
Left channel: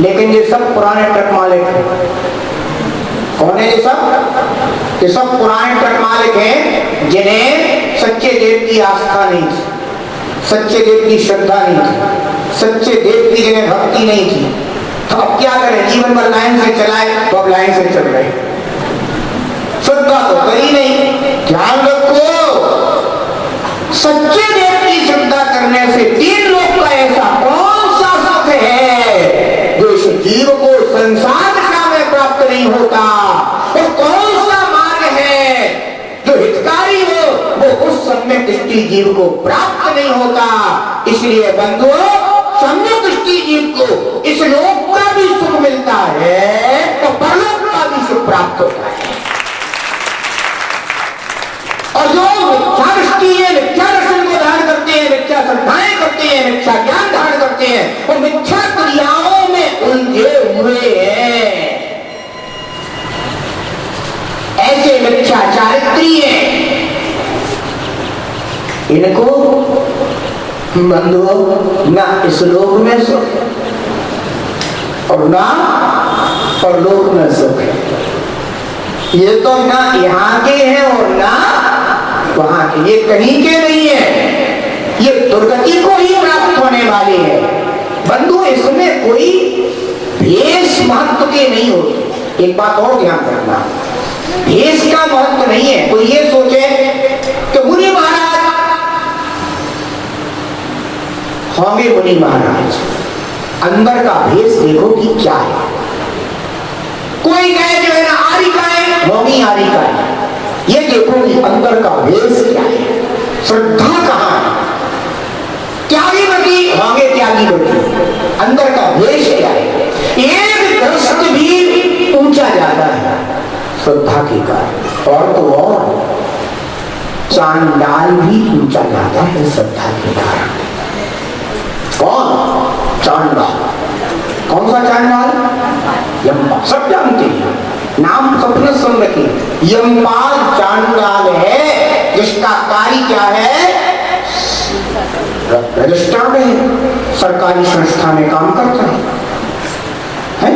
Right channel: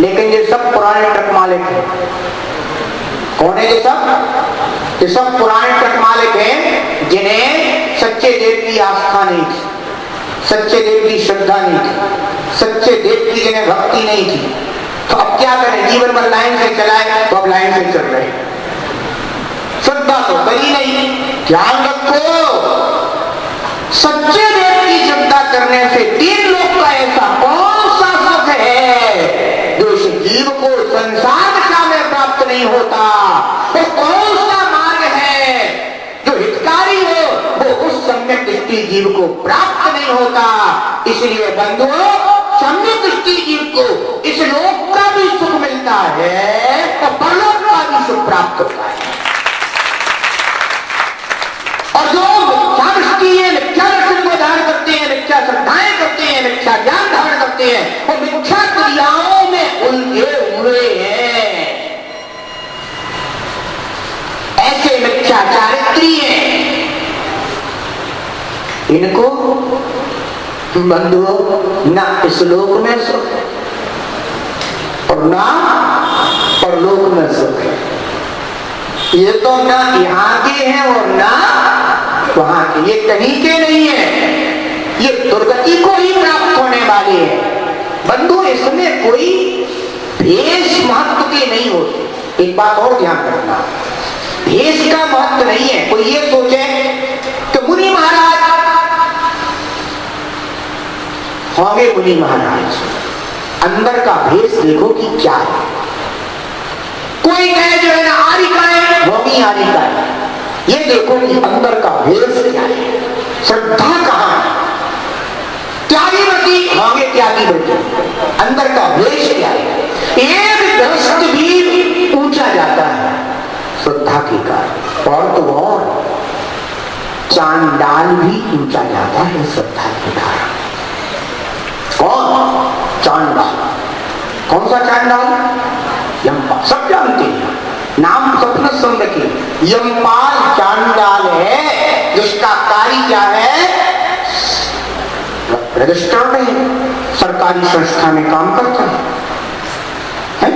लेकिन ये सब पुराने ट्रक मालिक हैं। कौन है ये सब? ये सब पुराने ट्रक मालिक हैं जिन्हें सच्चे देव की आस्था नहीं थी, सच्चे देव की श्रद्धा नहीं थी, सच्चे देव की जिन्हें भक्ति नहीं थी। तो अब क्या करें? जीवन भर लाइन से चलाए तो अब लाइन से चल रहे, श्रद्धा तो करी नहीं। ध्यान रखो, सच्चे देव की श्रद्धा करने से 3 लोग का ऐसा कौन सा सुख है जो इस जीव को संसार में प्राप्त नहीं होता? वो कौन सा मार्ग है जो हितकारी हो, वो उस सम्यक दृष्टि जीव को प्राप्त नहीं होता। इसलिए बंधुओं, सम्यक दृष्टि जीव को इस लोक का भी सुख मिलता है तो परलोक का भी सुख प्राप्त होता है। और जो मिथ्या दृष्टि है, मिथ्या दर्शन को धारण करते हैं, मिथ्या श्रद्धाएं करते हैं, मिथ्या ज्ञान धारण करते हैं, वो मिथ्या क्रियाओं में उलझे हुए हैं। ऐसे मिथ्या चारित्री हैं, इनको बंधुओं ना इस लोक में सुख और ना परलोक में सुख है। ये तो ना यहाँ के हैं और ना वहां के, ये कहीं के नहीं है, ये दुर्गति को ही प्राप्त होने वाले हैं। बंधु, इसमें कोई भेष महत्व के नहीं होते। एक बात और ध्यान रखना, भेष का महत्व नहीं है। कोई ये सोचे कि मुनि महाराज, होंगे मुनि महाराज, अंदर का भेष देखो कि क्या है। कोई कहे जो है ना आरिका है, होंगी आरिका है, ये देखो कि अंदर का भेष क्या है, श्रद्धा कहां है। त्यागी बती, होंगे त्यागी बती, अंदर का भेष क्या है। एक दस्त भी ऊंचा जाता है श्रद्धा के कारण, और तो और चांडाल भी ऊंचा जाता है श्रद्धा के कारण। कौन? चांडाल। कौन सा चांडाल? यमपाल। सब जानते हैं, नाम सबने सुन रखे। यमपाल चांडाल है जिसका कार्य क्या है, रजिस्ट्रार में सरकारी संस्था में काम करता है?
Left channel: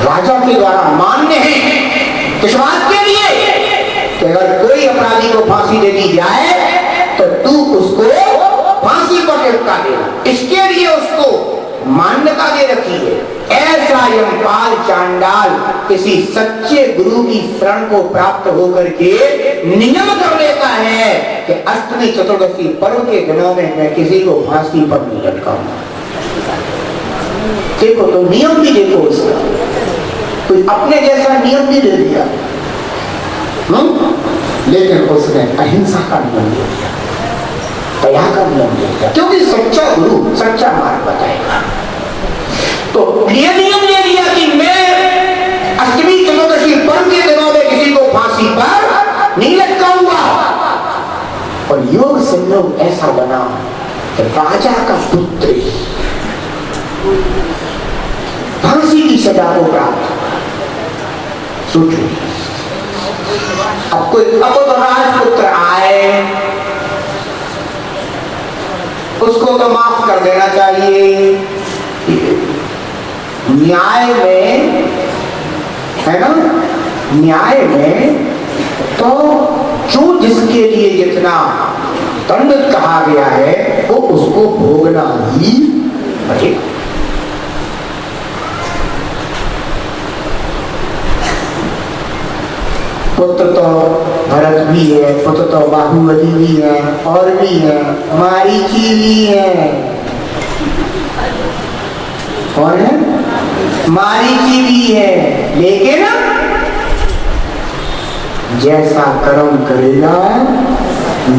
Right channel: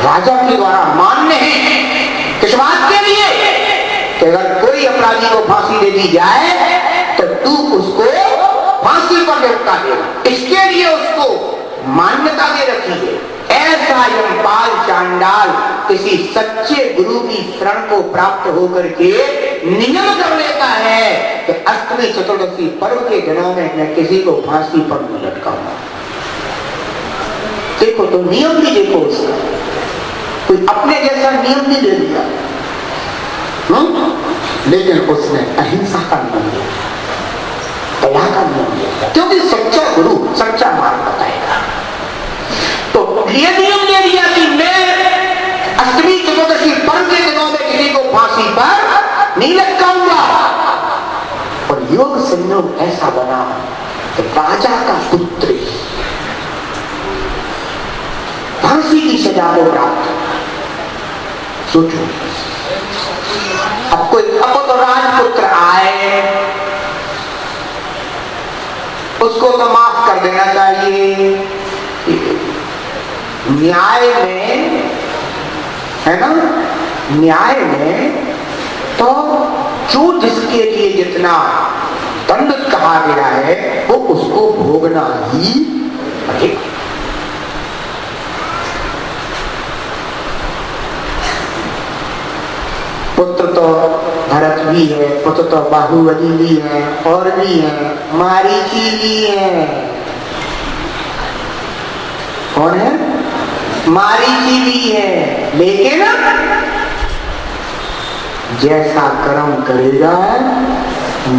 राजा के द्वारा मान्य है किस बात के लिए कि अगर कोई अपराधी को फांसी दे दी जाए तो तू उसको फांसी पर लटका दे, इसके लिए उसको मान्यता दे रखी है। ऐसा यमपाल चांडाल किसी सच्चे गुरु की शरण को प्राप्त होकर के नियम कर लेता है कि अष्टमी चतुर्दशी पर्व के दिनों में मैं किसी को फांसी पर नहीं लटकाऊंगा। देखो तो नियम भी देखो उसका, कोई अपने जैसा नियम भी दे दिया, लेकिन उसने अहिंसा का नियम दिया, दया का नियम दिया, क्योंकि सच्चा गुरु सच्चा मार्ग बताएगा। तो ये नियम ले लिया कि मैं अष्टमी चतुर्दशी पर्व के दिनों में किसी को फांसी पर नहीं लटकाऊंगा। और योग संयोग ऐसा बना कि राजा का पुत्र फांसी की सजा को प्राप्त। सोचो, अब तो राजपुत्र आए, उसको तो माफ कर देना चाहिए। न्याय में है ना, न्याय में तो जो जिसके लिए जितना दंड कहा गया है वो उसको भोगना ही पड़ेगा। पुत्र तो भरत भी है, पुत्र तो बाहुबली भी है, और भी है, मारीची भी है। कौन है? मारीची भी है। लेकिन जैसा कर्म करेगा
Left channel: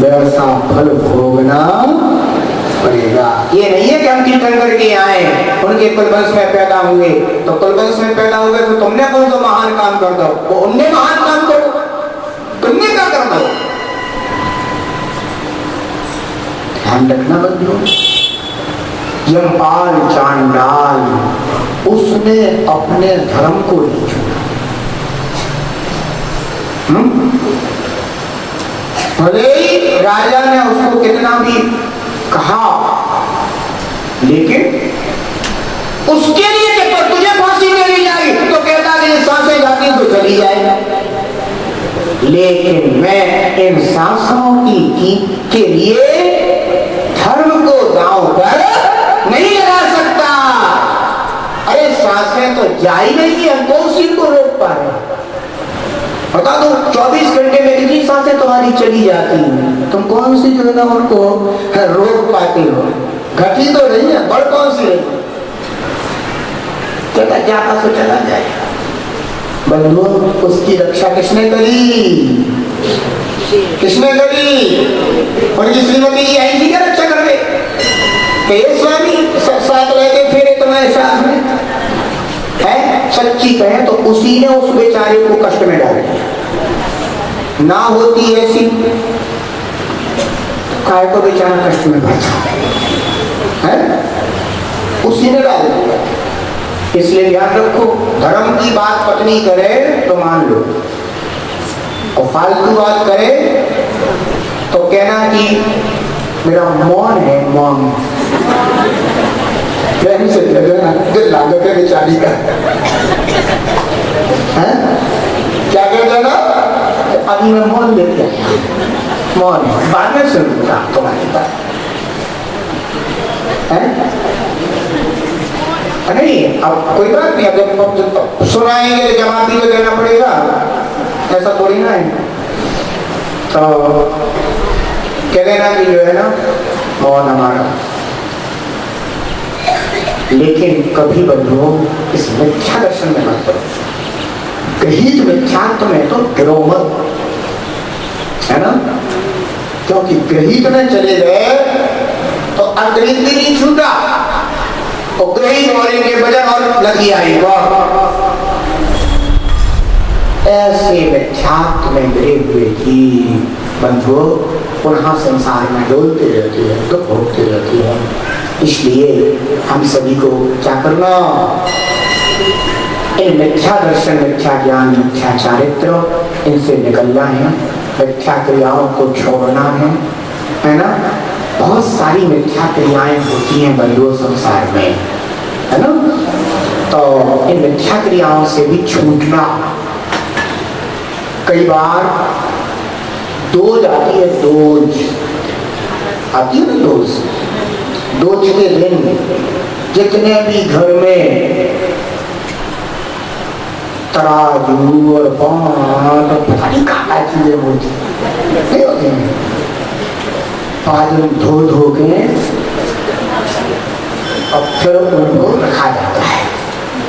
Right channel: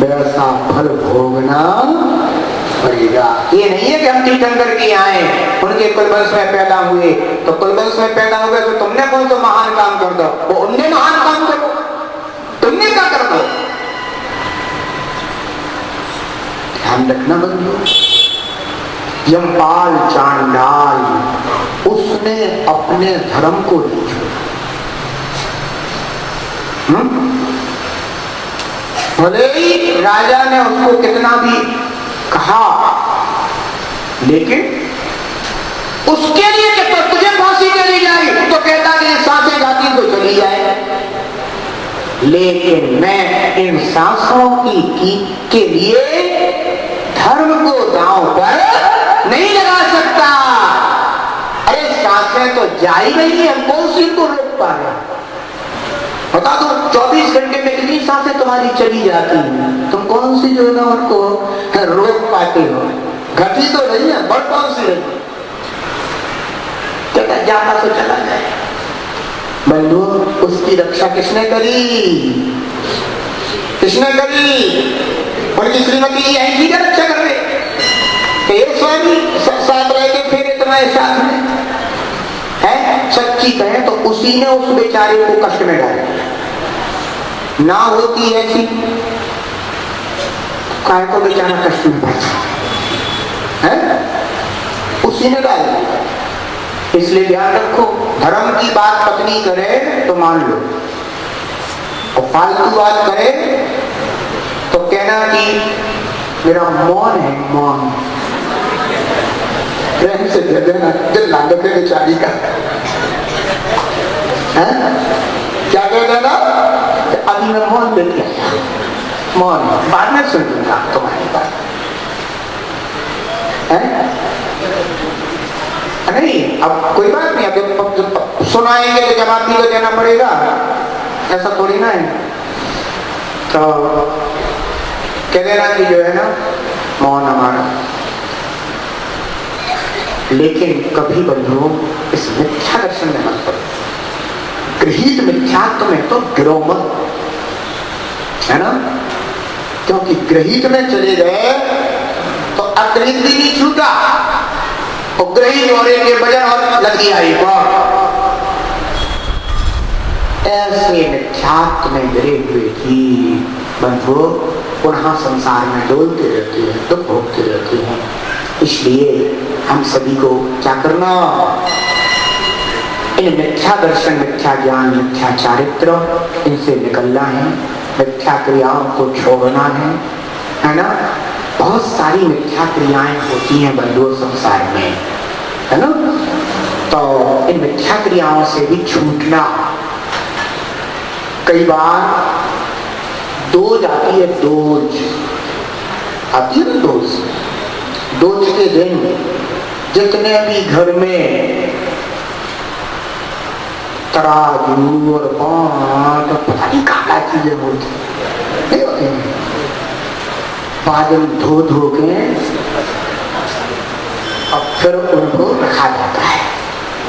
वैसा फल भोगना पड़ेगा। ये नहीं है कि हम तीर्थंकर के आए, उनके कुलवंश में पैदा हुए, तो कुलवंश में पैदा हुए तो तुमने कौन सा महान काम कर दो, वो उनने महान काम करो, तुमने क्या कर दो। ध्यान रखना बंधु, यमपाल चांडाल उसने अपने धर्म को नहीं छोड़ा। भले ही राजा ने उसको कितना भी कहा, लेकिन उसके लिए जब तुझे फांसी चली जाए तो कहता कि सांसें जाती तो चली जाए, लेकिन मैं इन सांसों के लिए धर्म को दांव पर नहीं लगा सकता। अरे सांसें तो जा ही नहीं है, हम कौन सी को रोक पा रहे। बता दो 24 घंटे में कितनी सांसें तुम्हारी चली जाती हैं, तुम कौन सी जो है ना उनको रोक पाते हो। घटी तो नहीं है, बड़ कौन सी है, चला जाता तो चला जाए। बंधु, उसकी रक्षा किसने करी? किसने करी? उनकी श्रीमती जी आई थी क्या रक्षा करने? स्वामी साथ रहते फिर तुम्हारे साथ में है। सच्ची कहे तो उसी ने उस बेचारे को कष्ट में डाल दिया। ना होती ऐसी, काय को बेचारा कष्ट में पड़ता है, उसी ने डाल दिया। इसलिए ध्यान रखो, धर्म की बात पत्नी करे तो मान लो, और फालतू बात करे तो कहना कि मेरा मौन है, मौन से दिल लागत है बेचारी का। क्या कह देगा? अभी मैं मौन देख लिया, मौन बाद में सुन लूंगा तुम्हारी बात। नहीं, अब कोई बात नहीं, अब सुनाएंगे तो जवाब ऐसा थोड़ी ना है। तो कह देना कि जो है ना मौन हमारा, लेकिन कभी बंधुओं इस मिथ्या दर्शन में मत पड़ो। गृहीत मिथ्यात्व में तो गिरो मत, है ना, क्योंकि गृहीत में चले गए तो अगृहीत नहीं छूटा, गृहीत होने के बजाय और लगी आई। ऐसे मिथ्यात्व में गिरे हुए ही बंधुओं पुनः संसार में डोलते रहते हैं, दुख भोगते रहते हैं। इसलिए हम सभी को क्या करना, इन मिथ्या दर्शन, मिथ्या ज्ञान, मिथ्या चारित्र, इनसे निकलना है, मिथ्या क्रियाओं को छोड़ना है ना। बहुत सारी मिथ्या क्रियाएं होती हैं बंधुओं संसार में, है ना। तो इन मिथ्या क्रियाओं से भी छूटना। कई बार दोज आती है, दोज आती है ना, दोज के दिन जितने भी घर में तराजू और पांच और पता नहीं क्या चीजें बोलती नहीं होती हैं, बादल धो धो के और फिर उनको रखा जाता है।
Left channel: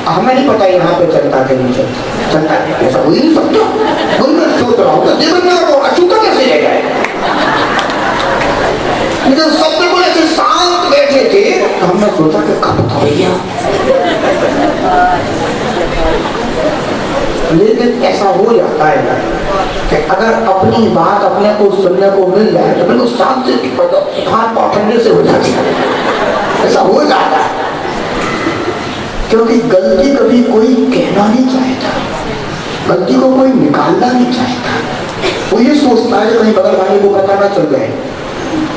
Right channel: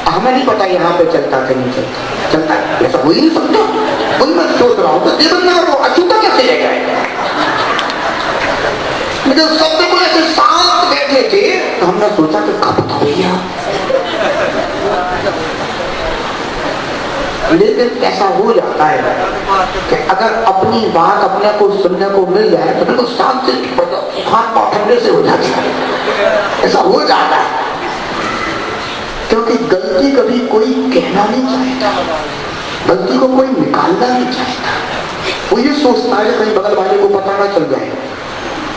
हमें नहीं पता यहाँ पे चलता कि नहीं चलता है, ऐसा कोई नहीं सकता। कोई मैं सोच रहा हूँ तो देवन्ना को अछूता कैसे ले गए, लेकिन सब बिल्कुल ऐसे शांत बैठे थे, तो हमने सोचा कि कब तो भैया, लेकिन ऐसा हो जाता है कि अगर अपनी बात अपने को सुनने को मिल जाए तो बिल्कुल शांति खान पाखंडे से हो जाती है, ऐसा हो जाता है। क्योंकि गलती कभी कोई कहना नहीं चाहता, गलती को कोई निकालना नहीं चाहता, वो ये सोचता है कहीं बगल वाले को पता ना चल जाए।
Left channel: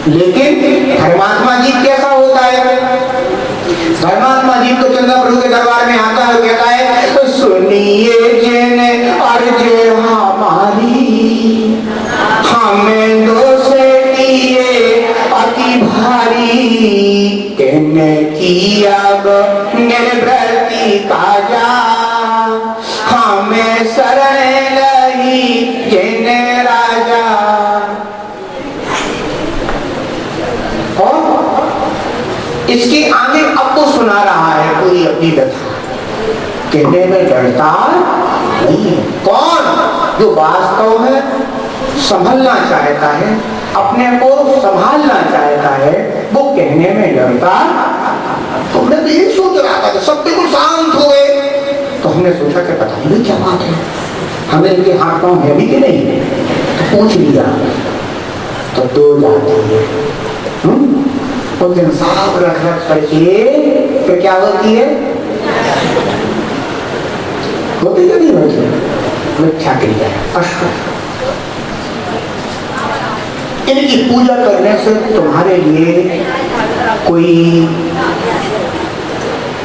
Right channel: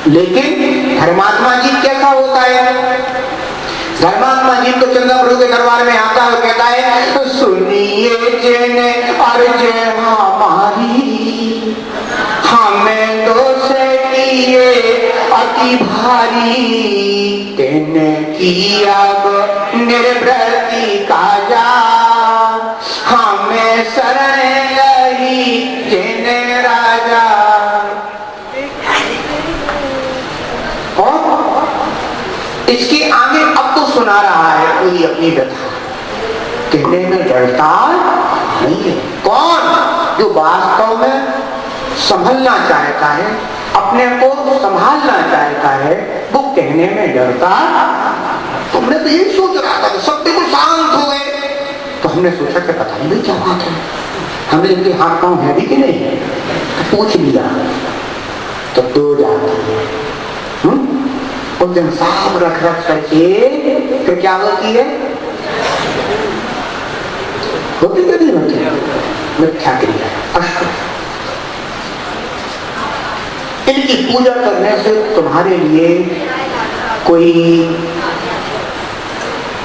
लेकिन धर्मात्मा जी कैसा होता है, धर्मात्मा जी को चंद्र प्रभु के दरबार में आता है, कहता है तो सुनिए जेने अर्ज हमारी, हमें दोष किए अति भारी, कहने किया निर्वृत्ति काजा, हमें शरण गई जेने राजा। और इसके आगे अब तो सुना रहा है कोई अपनी व्यथा, कहने में डरता नहीं है। कौन? जो वास्तव में संभलना चाहता है, अपने को संभालना चाहता है, वो कहने में डरता। तुमने तो यही सोच रहा था, सब बिल्कुल शांत हो गए, तो हमने सोचा कि पता नहीं क्या बात है, हमें इनके हाथ पांव है भी कि नहीं, तो पूछ लिया। तो दो जाती है उस दिन साफ रख रख करके तो क्या होती है, होती क्या नहीं होती, मिथ्या क्रिया अष्ट। इनकी पूजा करने से तुम्हारे लिए कोई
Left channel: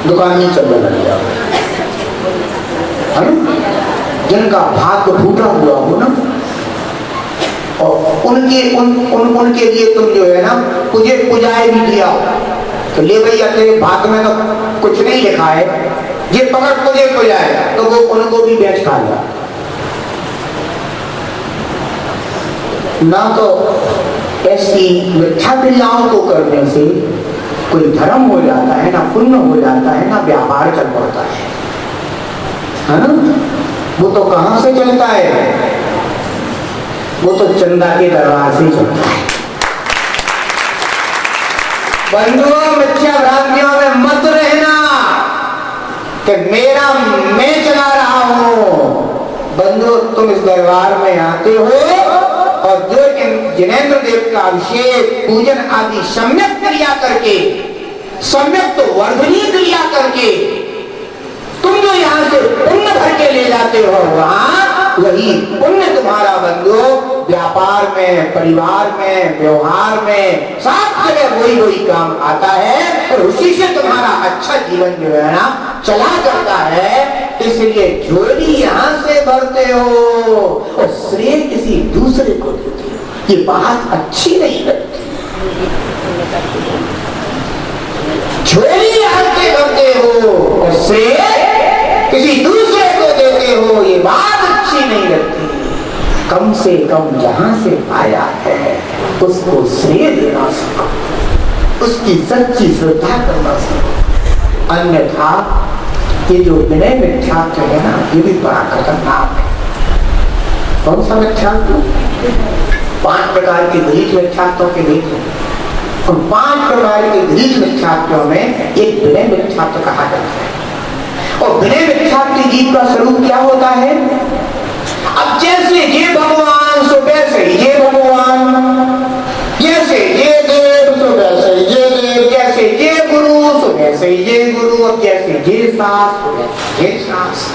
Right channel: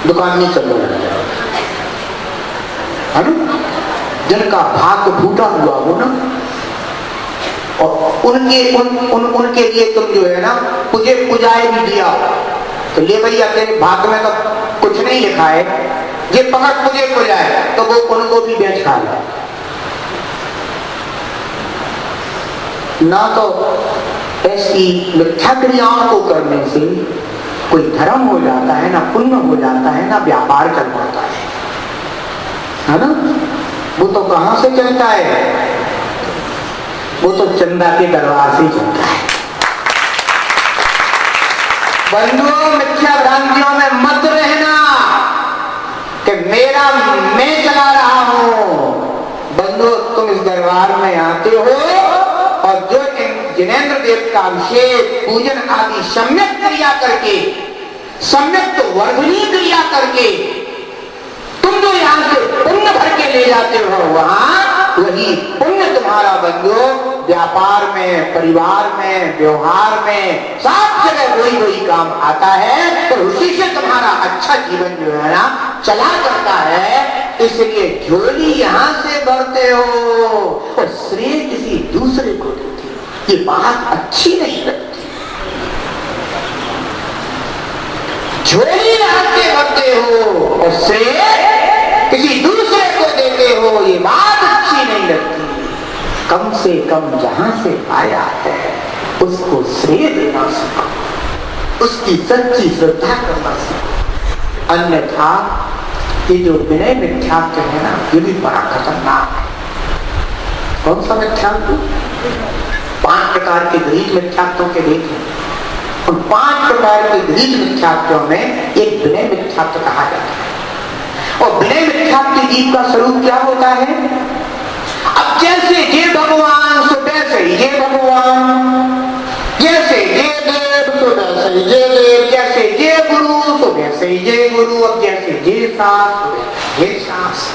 दुकान नहीं चलने लगेगा, है ना। जिनका भाग्य फूटा हुआ हो ना, और उनके लिए तुम जो है ना मुझे पूजाए भी दिया, तो ले भैया तेरे भाग्य में तो कुछ नहीं लिखा है, ये पकड़ तुझे पूजाए, तो वो उनको भी बेच खा लिया ना। तो ऐसी मिथ्या क्रियाओं को करने से कोई धर्म हो जाता है, ना पुण्य हो जाता है, ना व्यापार चल पड़ता है ना। वो तो कहां से चलता है, वो तो चंदा के दरबार से चलता है। बंधुओं, मिथ्या भ्रांतियों में मत रहना कि मेरा मैं चला रहा हूं। बंधुओं, तुम इस दरबार में आते हो और जो जिनेंद्र देव का अभिषेक पूजन आदि सम्यक क्रिया करके, सम्यक तो वर्धनीय क्रिया करके तुम जो यहाँ से पुण्य भर के ले जाते हो, वहां वही पुण्य तुम्हारा बंधु व्यापार में, परिवार में, व्यवहार में, सब जगह वही काम आता है, और उसी से तुम्हारा अच्छा जीवन जो है ना चला जाता है। इसलिए झोली यहाँ से भरते हो और श्रेय किसी दूसरे को देते हो, ये बात अच्छी नहीं लगती। झोली यहाँ से भरते हो और श्रेय किसी दूसरे को देते हो, ये बात अच्छी नहीं लगती। कम से कम जहां से पाया है उसको श्रेय देना सीखो, उसकी सच्ची श्रद्धा करना सीखो। अन्यथा ये जो विनय मिथ्यात्व है ना, ये भी बड़ा खतरनाक है। कौन सा मिथ्यात्व? 5 प्रकार के गरीब मिथ्यात्वों के बीच, और 5 प्रकार के गरीब मिथ्यात्वों में एक विनय मिथ्यात्व कहा जाता है। और विनय मिथ्यात्व जीव का स्वरूप क्या होता है? अब जैसे ये भगवान सो वैसे ये भगवान, जैसे ये देव सो वैसे ये देव, जैसे ये गुरु सो वैसे ये गुरु, अब जैसे ये सास सो वैसे ये सास,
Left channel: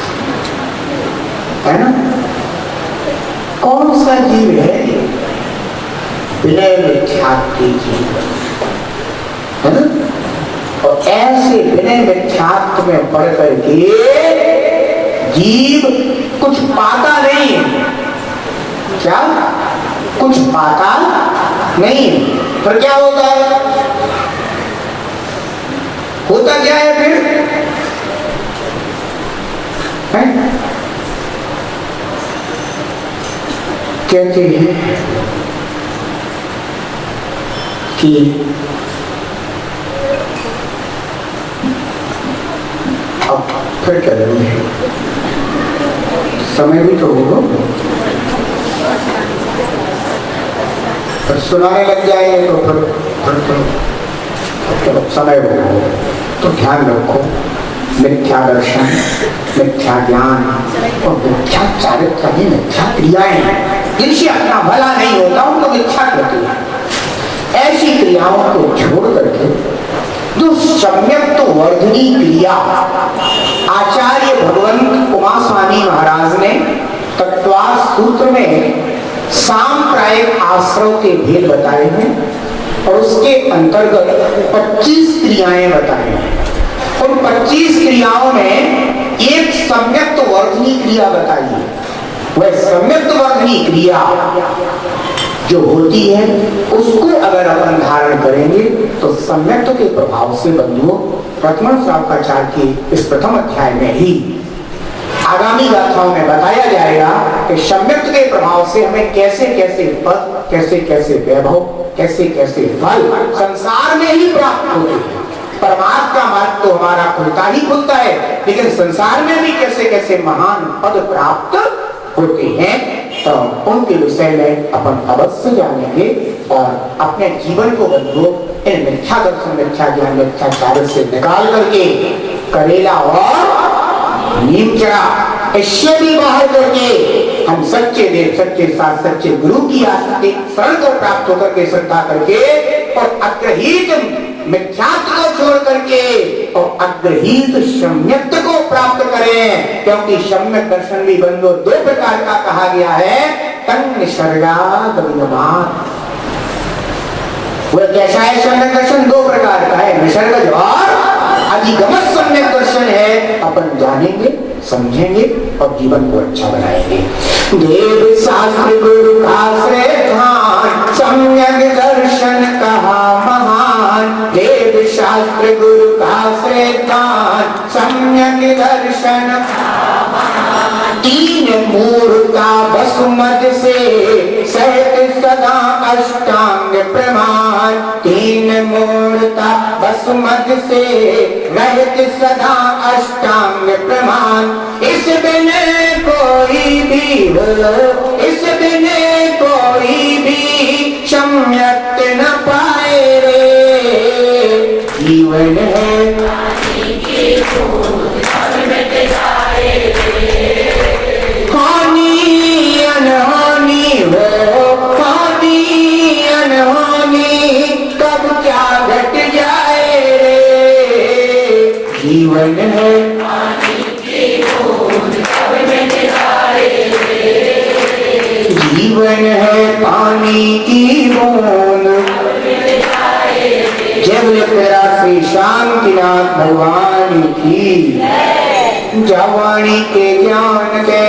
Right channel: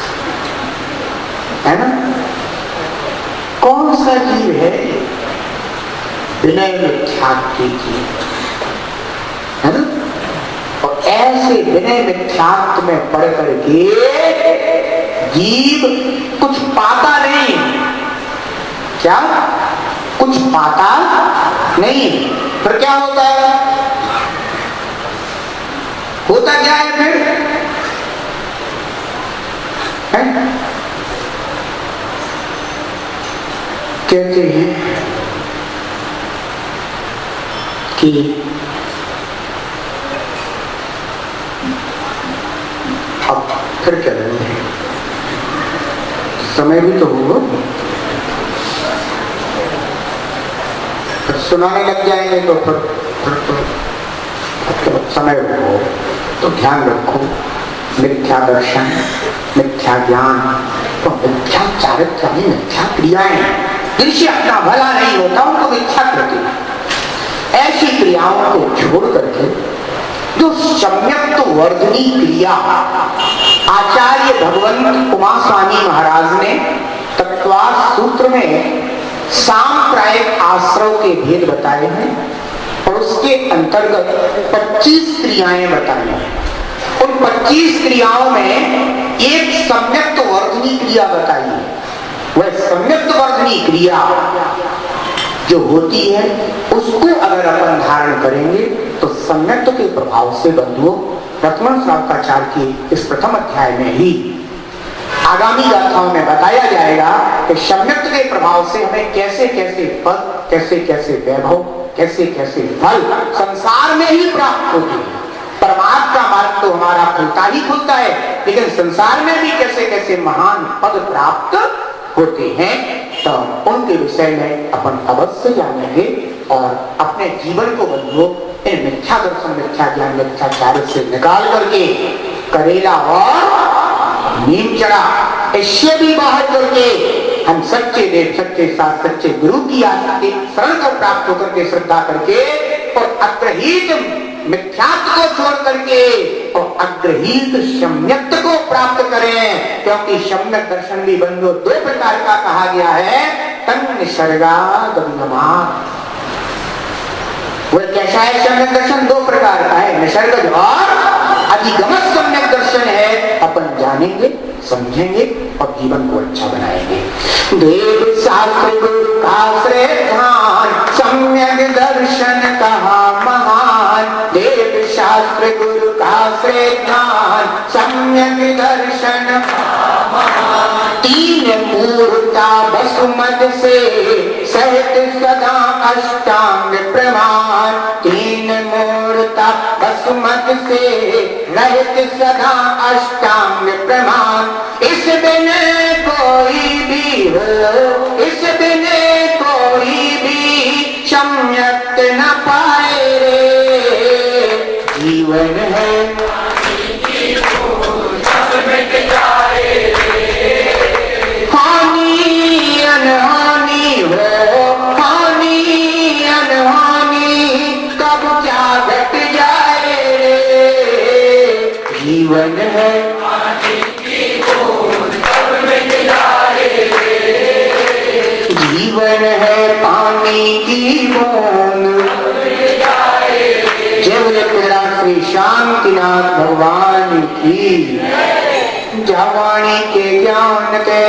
है ना? कौन सा जीव है? विनय मिथ्यात्व जीव है ना। और ऐसे विनय मिथ्यात्व में पढ़ करके जीव कुछ पाता नहीं है। क्या? कुछ पाता नहीं है। फिर क्या होता है? होता क्या है फिर? है? कहते हैं कि अब फिर क्या करेंगे, समय भी तो होगा, सुनाने लग जाएंगे तो फिर समय हो। तो ध्यान रखो, मिथ्या दर्शन, मिथ्या ज्ञान और मिथ्या चारित्र भी मिथ्या क्रियाएं, इनसे अपना भला नहीं होता, उनको मिथ्या करती है। ऐसी क्रियाओं को छोड़ करके जो सम्यक वर्धनी क्रिया, आचार्य भगवंत उमा स्वामी महाराज ने तत्वार्थ सूत्र में सांप्रायिक आश्रव के भेद बताए हैं और उसके अंतर्गत 25 क्रियाएं बताई हैं। उन 25 क्रियाओं में एक सम्यक वर्धनी क्रिया बताई है। वह सम्यक वर्धनी क्रिया जो होती है उसको अगर अपन धारण करेंगे तो सम्यक्त्व के प्रभाव से बंधुओं, प्रथम श्रावकाचार्य के इस प्रथम अध्याय में ही आगामी गाथाओं में बताया जाएगा कि सम्यक्त्व के प्रभाव से हमें कैसे कैसे पद, कैसे कैसे वैभव, कैसे कैसे फल संसार में ही प्राप्त होते हैं। परमात्मा का मार्ग तो हमारा खुलता ही खुलता है, लेकिन संसार में भी कैसे कैसे महान पद प्राप्त होते हैं, तो उनके विषय में अपन अवश्य जानेंगे और अपने जीवन को बंधुओं इन मिथ्या दर्शन, मिथ्या ज्ञान, मिथ्या कार्य से निकाल करके करेला और नीम चढ़ा, इससे भी बाहर करके हम सच्चे देव, सच्चे शास्त्र, सच्चे गुरु की आस्था शरण को प्राप्त होकर के श्रद्धा करके और अग्रहीत मिथ्यात्व को छोड़ करके और अग्रहीत सम्यक्त्व को प्राप्त करें। क्योंकि सम्यक दर्शन भी बंधु 2 प्रकार का कहा गया है, तन निसर्गागमनात्। वह कैसा है सम्यक दर्शन? 2 प्रकार का है, निसर्गज और अधिगमन सम्यक दर्शन है। अपन जानेंगे, समझेंगे और जीवन को अच्छा बनाएंगे। देव शास्त्र गुरु आश्रय ध्यान, सम्यक दर्शन कहा महान। देव शास्त्र गुरु आश्रय ध्यान, सम्यक दर्शन कहा महान। 3 मूर्ता भस्मद से सहित सदा अष्टांग प्रमाण। 3 मूर्ता भस्मद से रहित सदा अष्टांग प्रमाण। इस दिन कोई भी हो, इस दिन कोई भी सम्यक न पाए रे। जीवन है हानि अनहानि हो, हानि अनहानि कब क्या घट जाए रे। जीवन है जीवन है पानी की बूंद। जब राशि शांतिनाथ भगवान की जवानी के ज्ञान के